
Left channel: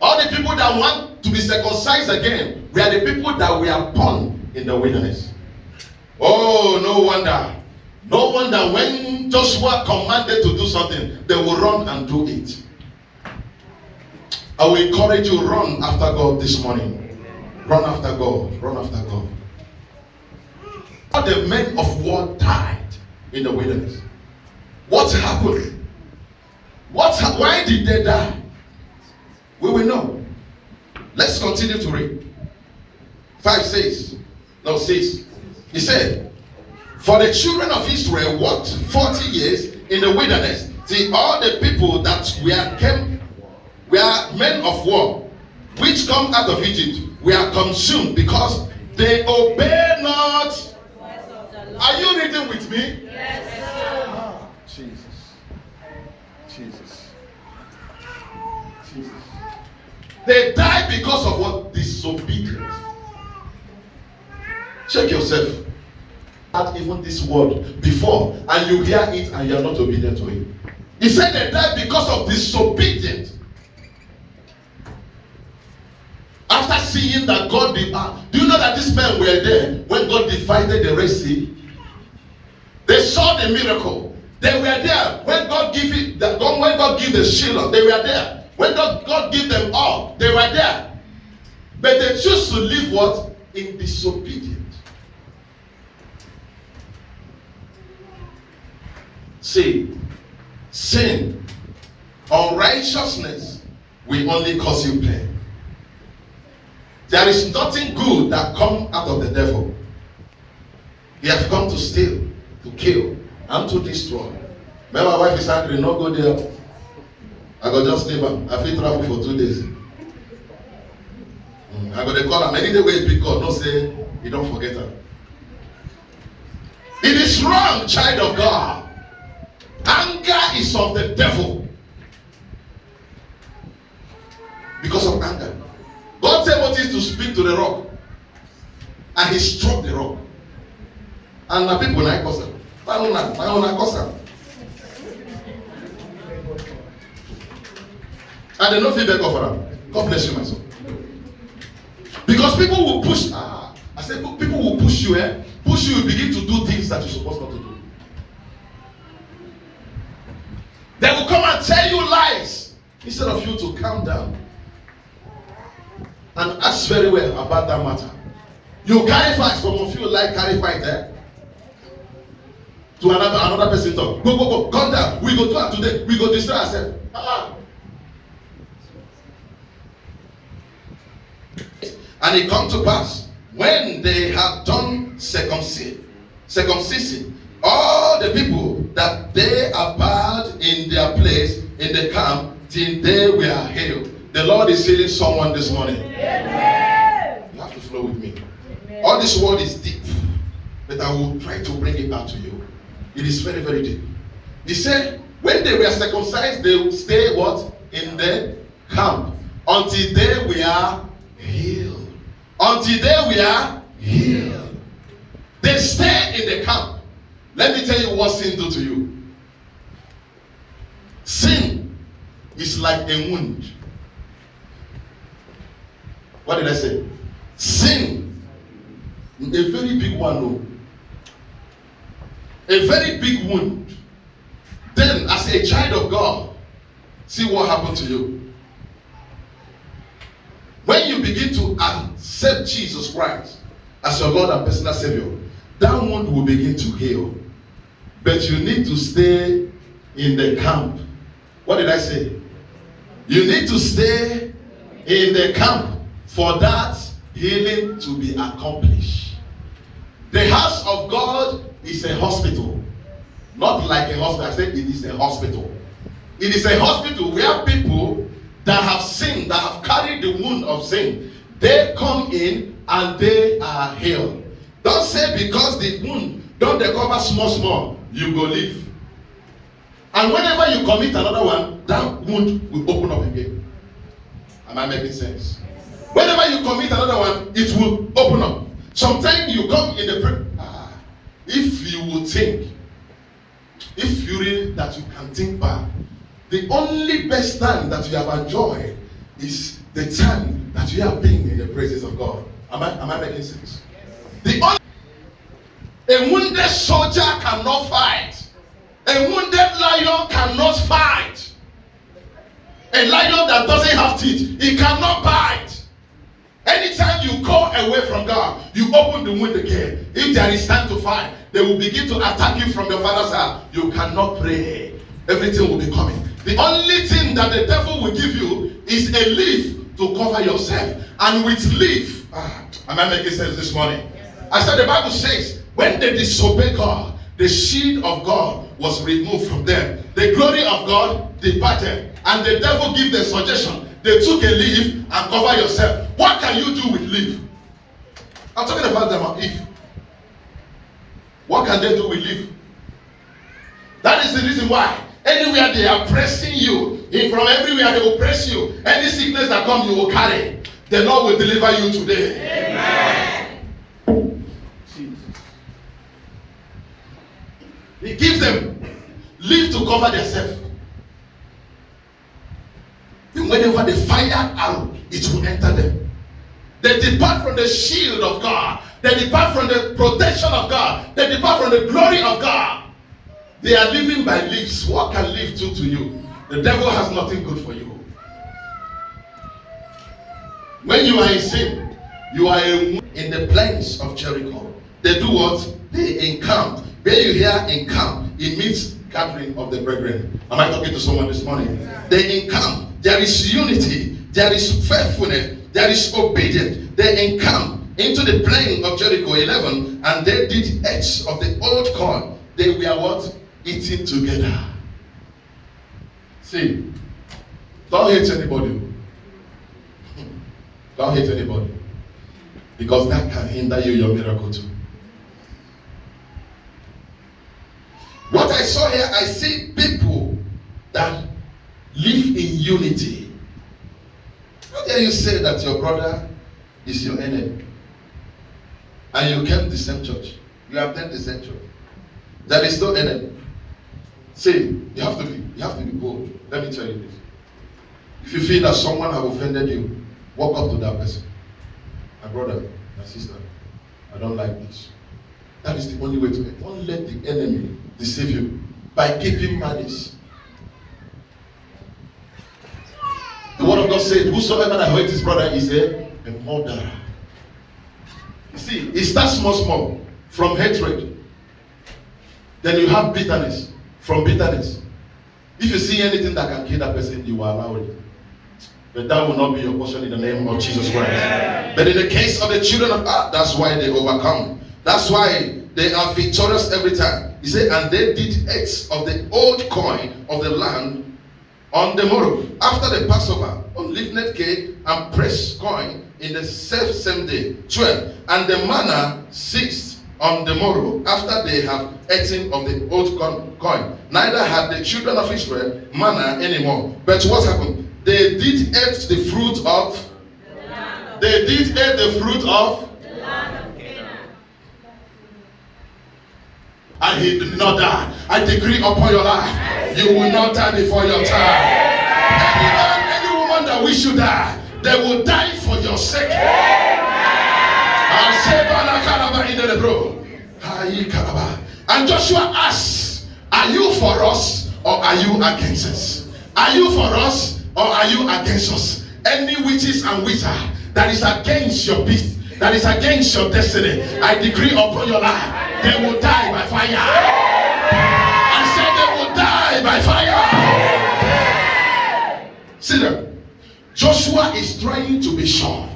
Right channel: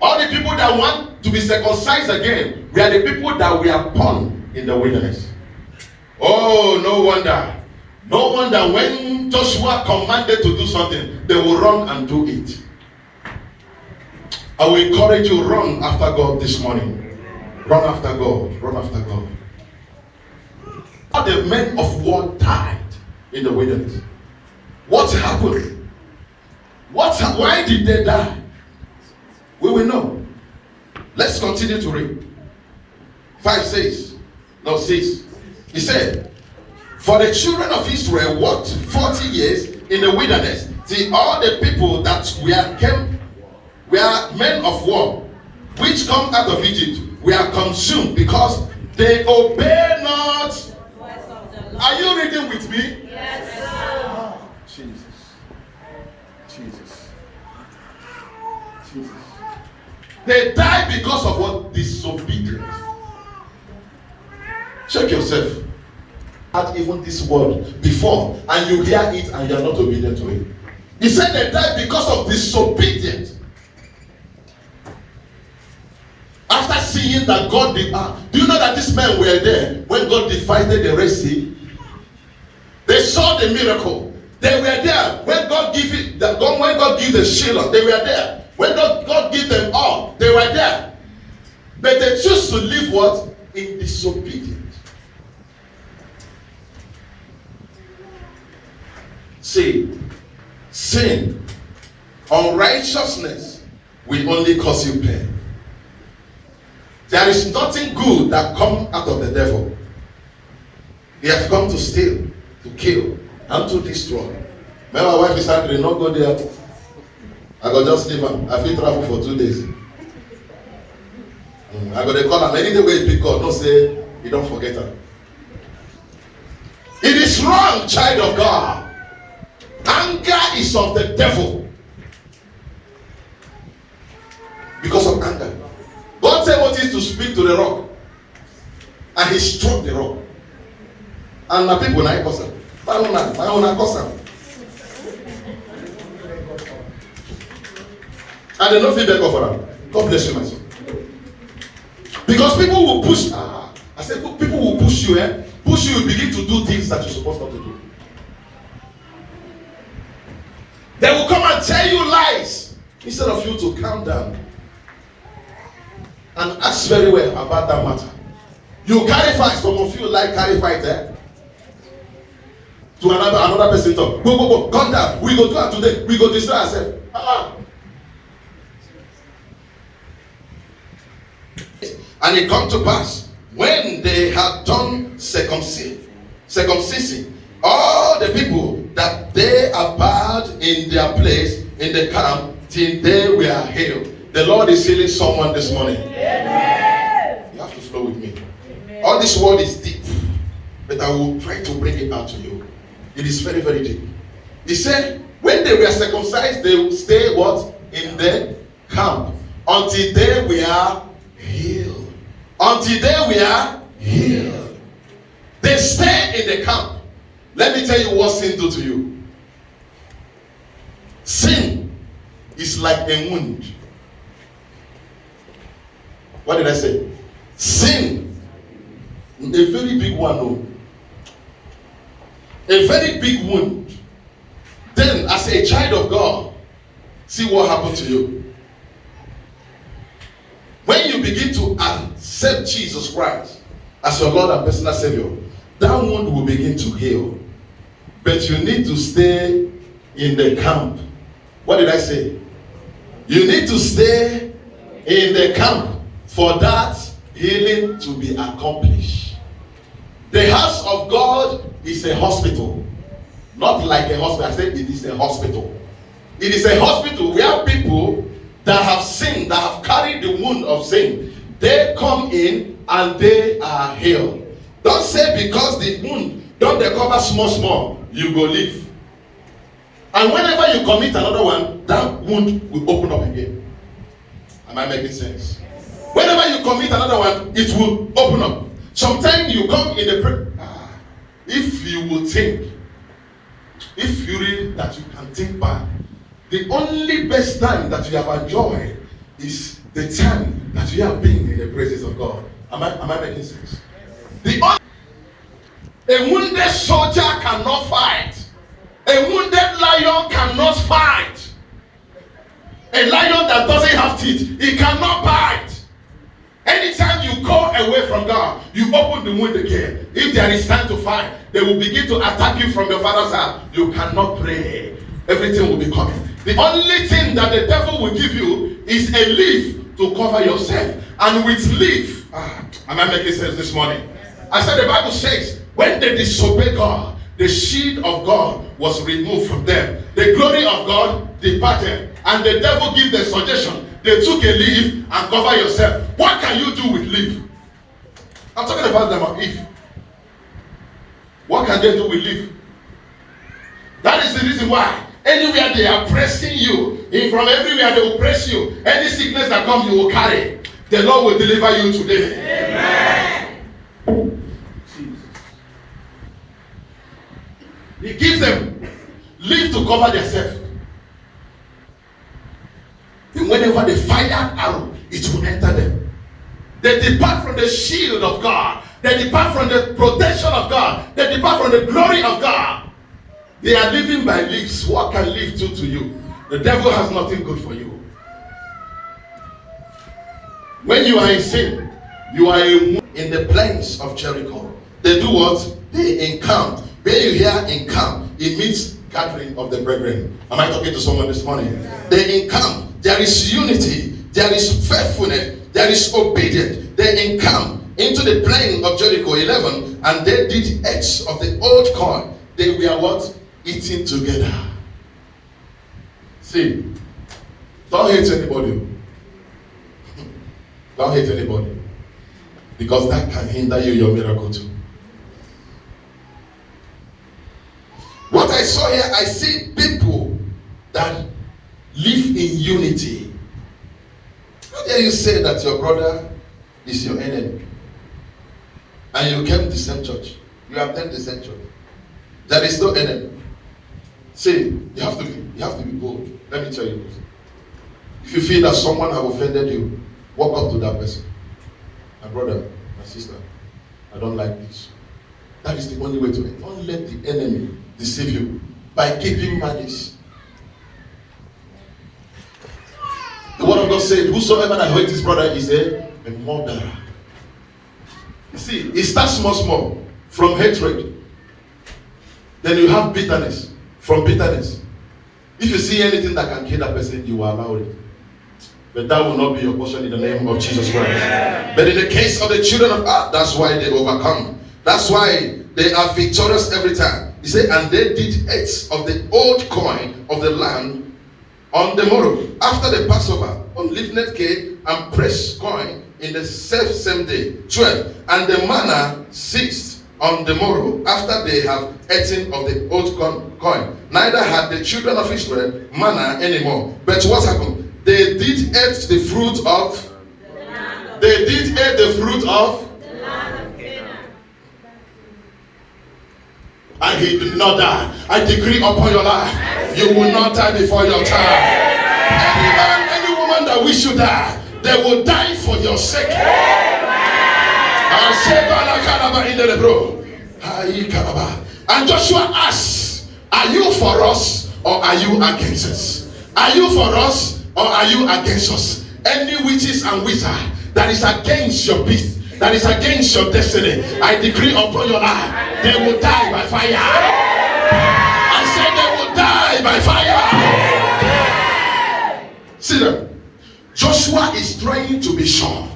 All the people that want to be circumcised again were the people that were born in the wilderness. Oh, no wonder. No wonder when Joshua commanded to do something, they will run and do it. I will encourage you, run after God this morning. Run after God. Run after God. All the men of war died in the wilderness. What happened? Why did they die? We will know. Let's continue to read. 6. He said, for the children of Israel walked 40 years in the wilderness, till all the people that were men of war, which come out of Egypt, were consumed, because they obey not. Are you reading with me? Yes, sir. Jesus. They died because of what? Disobedience. Check yourself. Had even this word before, and you hear it and you are not obedient to it. He said they died because of disobedience. After seeing that God did, do you know that these men were there when God divided the Red Sea? They saw the miracle. They were there when God gave it. When God gave the Shiloh, they were there. When God gave them all, they were there. But they choose to live what? In disobedience. See, sin, unrighteousness will only cause you pain. There is nothing good that comes out of the devil. He has come to steal, to kill, and to destroy. My wife is angry, not go there. I go just leave her. I feel travel for 2 days. I go to call her. Any day we pick up, no say, you don't forget her. It is wrong, child of God. Anger is of the devil. Because of anger. God said what is to speak to the rock. And he struck the rock. And the people like us. And they don't feel better for them. God bless you, my son. Because people will push. I said people will push you, push you, begin to do things that you're supposed not to do. They will come and tell you lies instead of you to calm down and ask very well about that matter. You carry fight. Some of you like carry fight, to another person talk. Go, come down. We go do it today. We go destroy ourselves. And it come to pass when they had done circumcision, all the people that they abode in their place in the camp till they were healed. The Lord is healing someone this morning. Amen. You have to flow with me. Amen. All this word is deep, but I will try to bring it out to you. It is very, very deep. He said, when they were circumcised, they would stay what? In the camp until they were healed. Until they were healed. They stay in the camp. Let me tell you what sin do to you. Sin is like a wound. What did I say? Sin, a very big one, no. A very big wound. Then, as a child of God, see what happened to you. When you begin to accept Jesus Christ, as your Lord and personal Savior, that wound will begin to heal. But you need to stay in the camp. What did I say? You need to stay in the camp for that healing to be accomplished. The house of God is a hospital. Not like a hospital. I said it is a hospital. It is a hospital where people that have sinned, that have carried the wound of sin, they come in and they are healed. Don't say because the wound don't recover small, you go live. And whenever you commit another one, that wound will open up again. Am I making sense? Whenever you commit another one, it will open up. Sometimes you come in the prayer. If you will think, if you read that you can think back, the only best time that you have enjoyed is the time that you have been in the presence of God. Am I making sense? A wounded soldier cannot fight. A wounded lion cannot fight. A lion that doesn't have teeth, he cannot bite. Anytime you go away from God, you open the wound again. If there is time to fight, they will begin to attack you from your father's house. You cannot pray. Everything will be coming. The only thing that the devil will give you is a leaf to cover yourself. And with leaf, am I making sense this morning? I said the Bible says, when they disobey God, the shield of God was removed from them. The glory of God departed. And the devil gave the suggestion. They took a leaf and cover yourself. What can you do with leaf? I'm talking about them of Eve. What can they do with leaf? That is the reason why anywhere they are pressing you, in from everywhere they will press you. Any sickness that comes, you will carry. The Lord will deliver you today. Amen. He gives them leaf to cover themselves. And whenever they fire arrow, it will enter them. They depart from the shield of God. They depart from the protection of God. They depart from the glory of God. They are living by leaves. What can leaf do to you? The devil has nothing good for you. When you are in sin, you are in the plains of Jericho. They do what? They encamp. When you hear encamp, it means gathering of the brethren. Am I talking to someone this morning? They encamp. There is unity. There is faithfulness. There is obedience. They encamp into the plain of Jericho 11, and they did eat of the old corn. They were what? Eating together. See, don't hate anybody. Don't hate anybody. Because that can hinder you, your miracle too. What I saw here, I see people that live in unity. How dare you say that your brother is your enemy? And you came to the same church. You attend the same church. There is no enemy. See, you have to be bold. Let me tell you this. If you feel that someone has offended you, walk up to that person. My brother, my sister, I don't like this. That is the only way to it. Don't let the enemy deceive you by keeping malice. The word of God said, whosoever that hates his brother is a murderer. You see, it starts small, from hatred. Then you have bitterness, from bitterness. If you see anything that can kill that person, you will allow it. But that will not be your portion in the name of Jesus Christ. Yeah. But in the case of the children of God, that's why they overcome. That's why they are victorious every time. He said, and they did eat of the old coin of the land on the morrow, after the Passover, unleavened cake and pressed coin in the same day, 12. And the manna ceased on the morrow, after they have eaten of the old coin. Neither had the children of Israel manna anymore. But what happened? They did eat the fruit of the land of Canaan. And he did not die. I decree upon your life, you will not die before your time. Any man, any woman that wish you die, they will die for your sake. And Joshua asked, are you for us or are you against us? Are you for us or are you against us? Any witches and wizards that is against your peace, that is against your destiny, I decree upon your life, they will die by fire. I said they will die by fire. See them. Joshua is trying to be sure.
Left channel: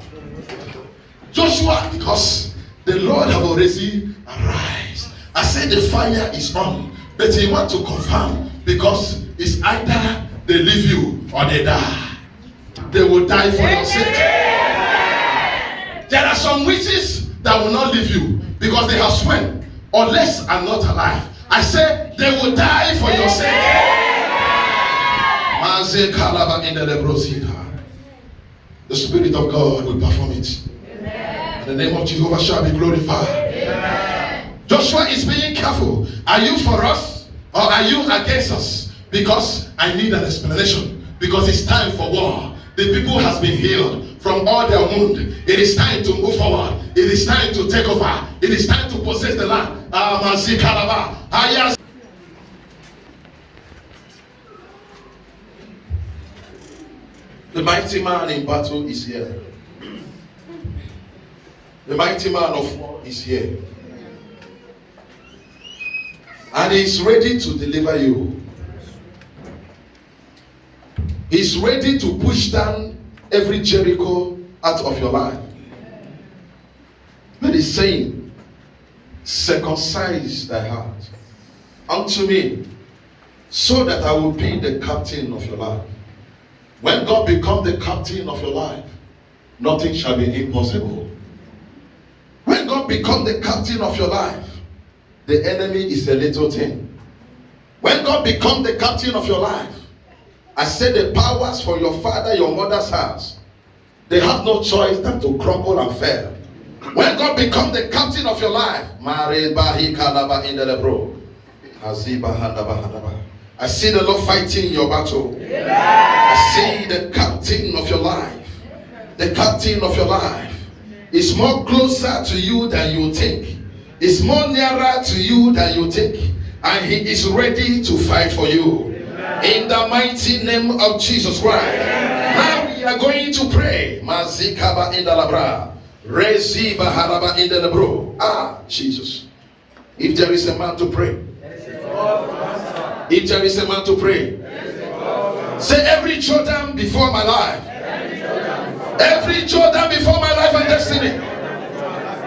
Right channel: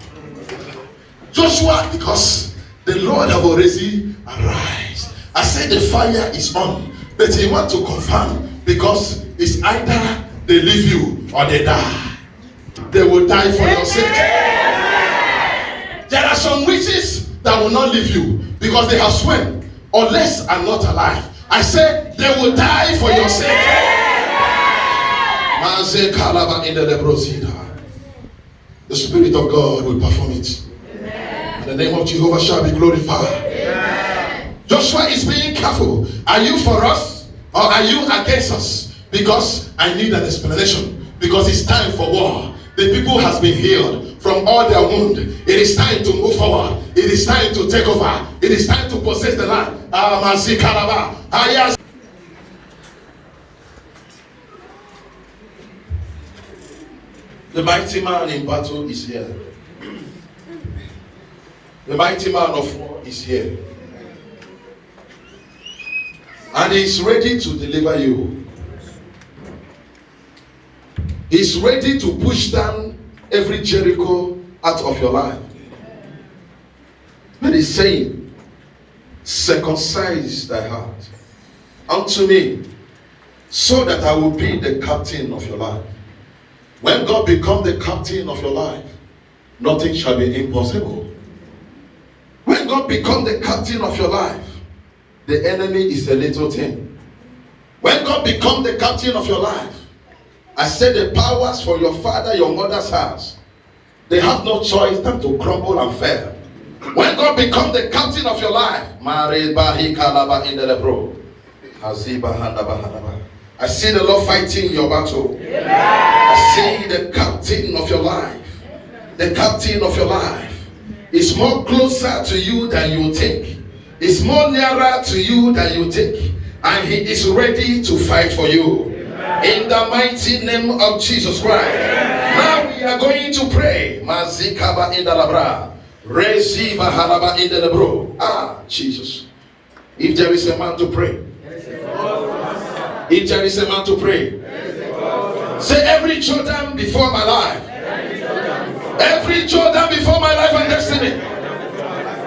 Joshua, because the Lord have already arise. I said the fire is on, but he want to confirm, because it's either they leave you or they die. They will die for your sake. There are some witches that will not leave you because they have sworn, unless I'm not alive. I said they will die for your sake. The Spirit of God will perform it. And the name of Jehovah shall be glorified. Amen. Joshua is being careful. Are you for us or are you against us? Because I need an explanation. Because it's time for war. The people has been healed from all their wounds. It is time to move forward. It is time to take over. It is time to possess the land. The mighty man in battle is here. The mighty man of war is here. And he's ready to deliver you. He's ready to push down every Jericho out of your life. But he's saying, circumcise thy heart unto me, so that I will be the captain of your life. When God becomes the captain of your life, nothing shall be impossible. When God becomes the captain of your life, the enemy is a little thing. When God becomes the captain of your life, I said the powers for your father, your mother's house, they have no choice than to crumble and fail. When God becomes the captain of your life, I see the Lord fighting your battle. I see the captain of your life. The captain of your life is more closer to you than you think. Is more nearer to you than you think. And he is ready to fight for you. In the mighty name of Jesus Christ. Now we are going to pray. Jesus. If there is a man to pray. If there is a man to pray. Say every Jordan before my life. Every Jordan before my life and destiny.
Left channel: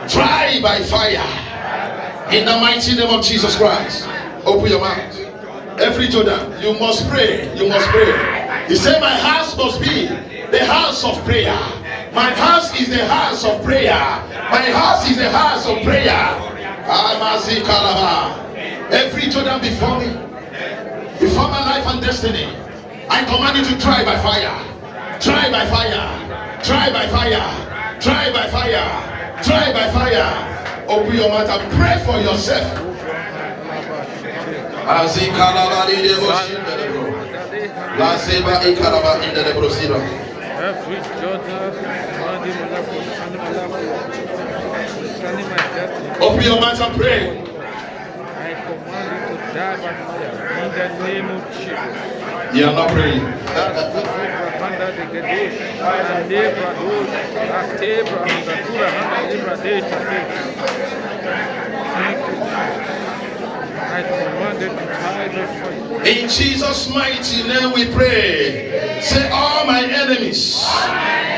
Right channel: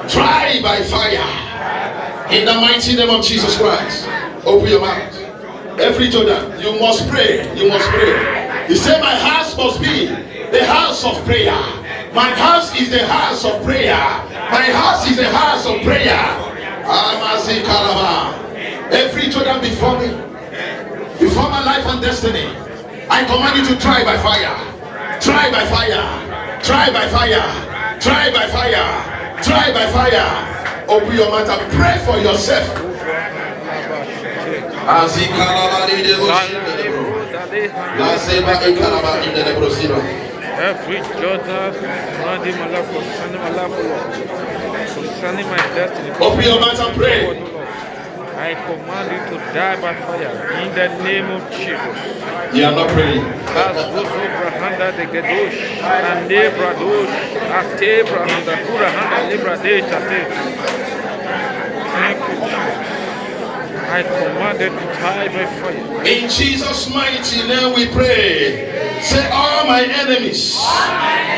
Try by fire. In the mighty name of Jesus Christ. Open your mouth. Every Jordan, you must pray. You must pray. He said, my house must be the house of prayer. My house is the house of prayer. My house is the house of prayer. Every Jordan before me, before my life and destiny, I command you to try by fire. Try by fire. Try by fire. Try by fire. Try by fire. Open your mouth and pray for yourself. As he every Jordan concerning my life, concerning my destiny. Open your mouth and pray. I command you to die by fire in the name of Jesus. You are not praying. Thank you, Jesus. I commanded to die by fire. In Jesus' mighty name we pray. Say, all my enemies,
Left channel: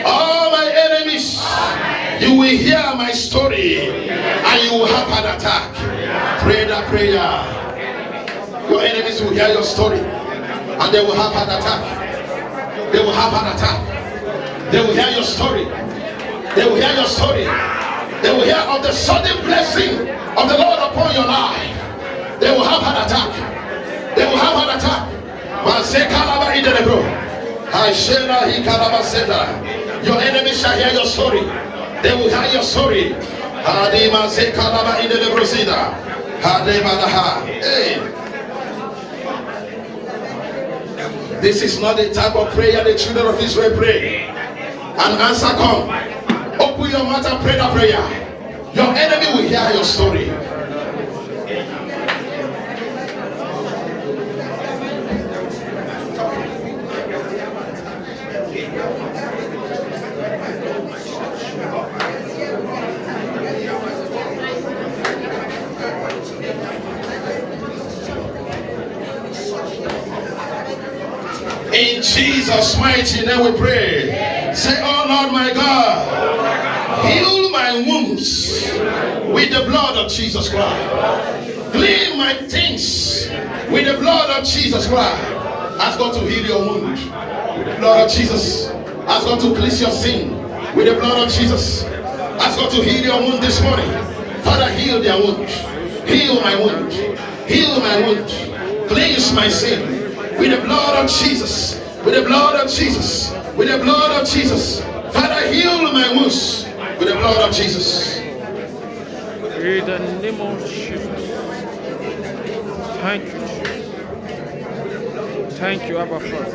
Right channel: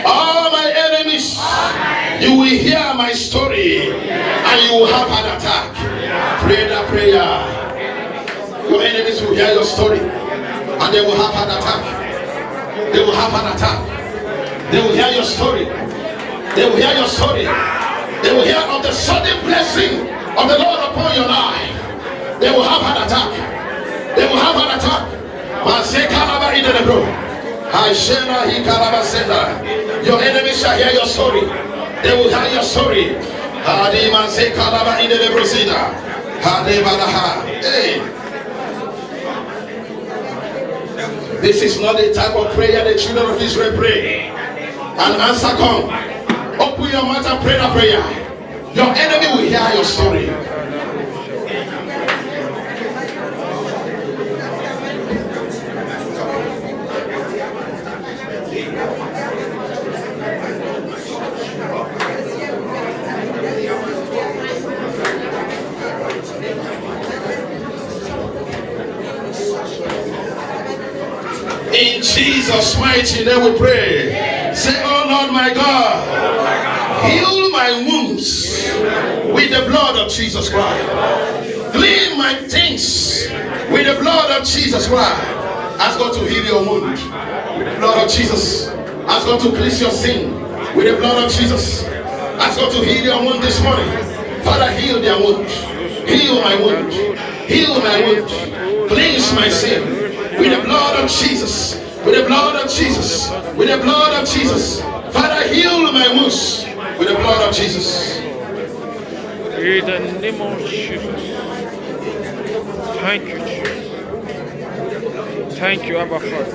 all my enemies, you will hear my story and you will have an attack. Pray that prayer. Your enemies will hear your story and they will have an attack. They will have an attack. They will hear your story. They will hear your story. They will hear of the sudden blessing of the Lord upon your life. They will have an attack. They will have an attack. Your enemies shall hear your story. They will hear your story. Hey. This is not the type of prayer the children of Israel pray. An answer come. Open your mouth and pray that prayer. Your enemy will hear your story. In Jesus' mighty name we pray. Say, oh Lord my God, heal my wounds with the blood of Jesus Christ. Clean my things with the blood of Jesus Christ. Ask God to heal your wound with the blood of Jesus. Ask God to cleanse your sin with the blood of Jesus. Ask God to heal your wound this morning. Father, heal their wound. Heal my wound. Heal my wound. Cleanse my sin with the blood of Jesus. With the blood of Jesus. With the blood of Jesus. Father, heal my wounds with the blood of Jesus. In the name of Jesus. Thank you, Jesus. Thank you, Abba Father.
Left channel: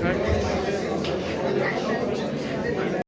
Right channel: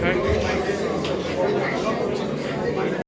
Thank you.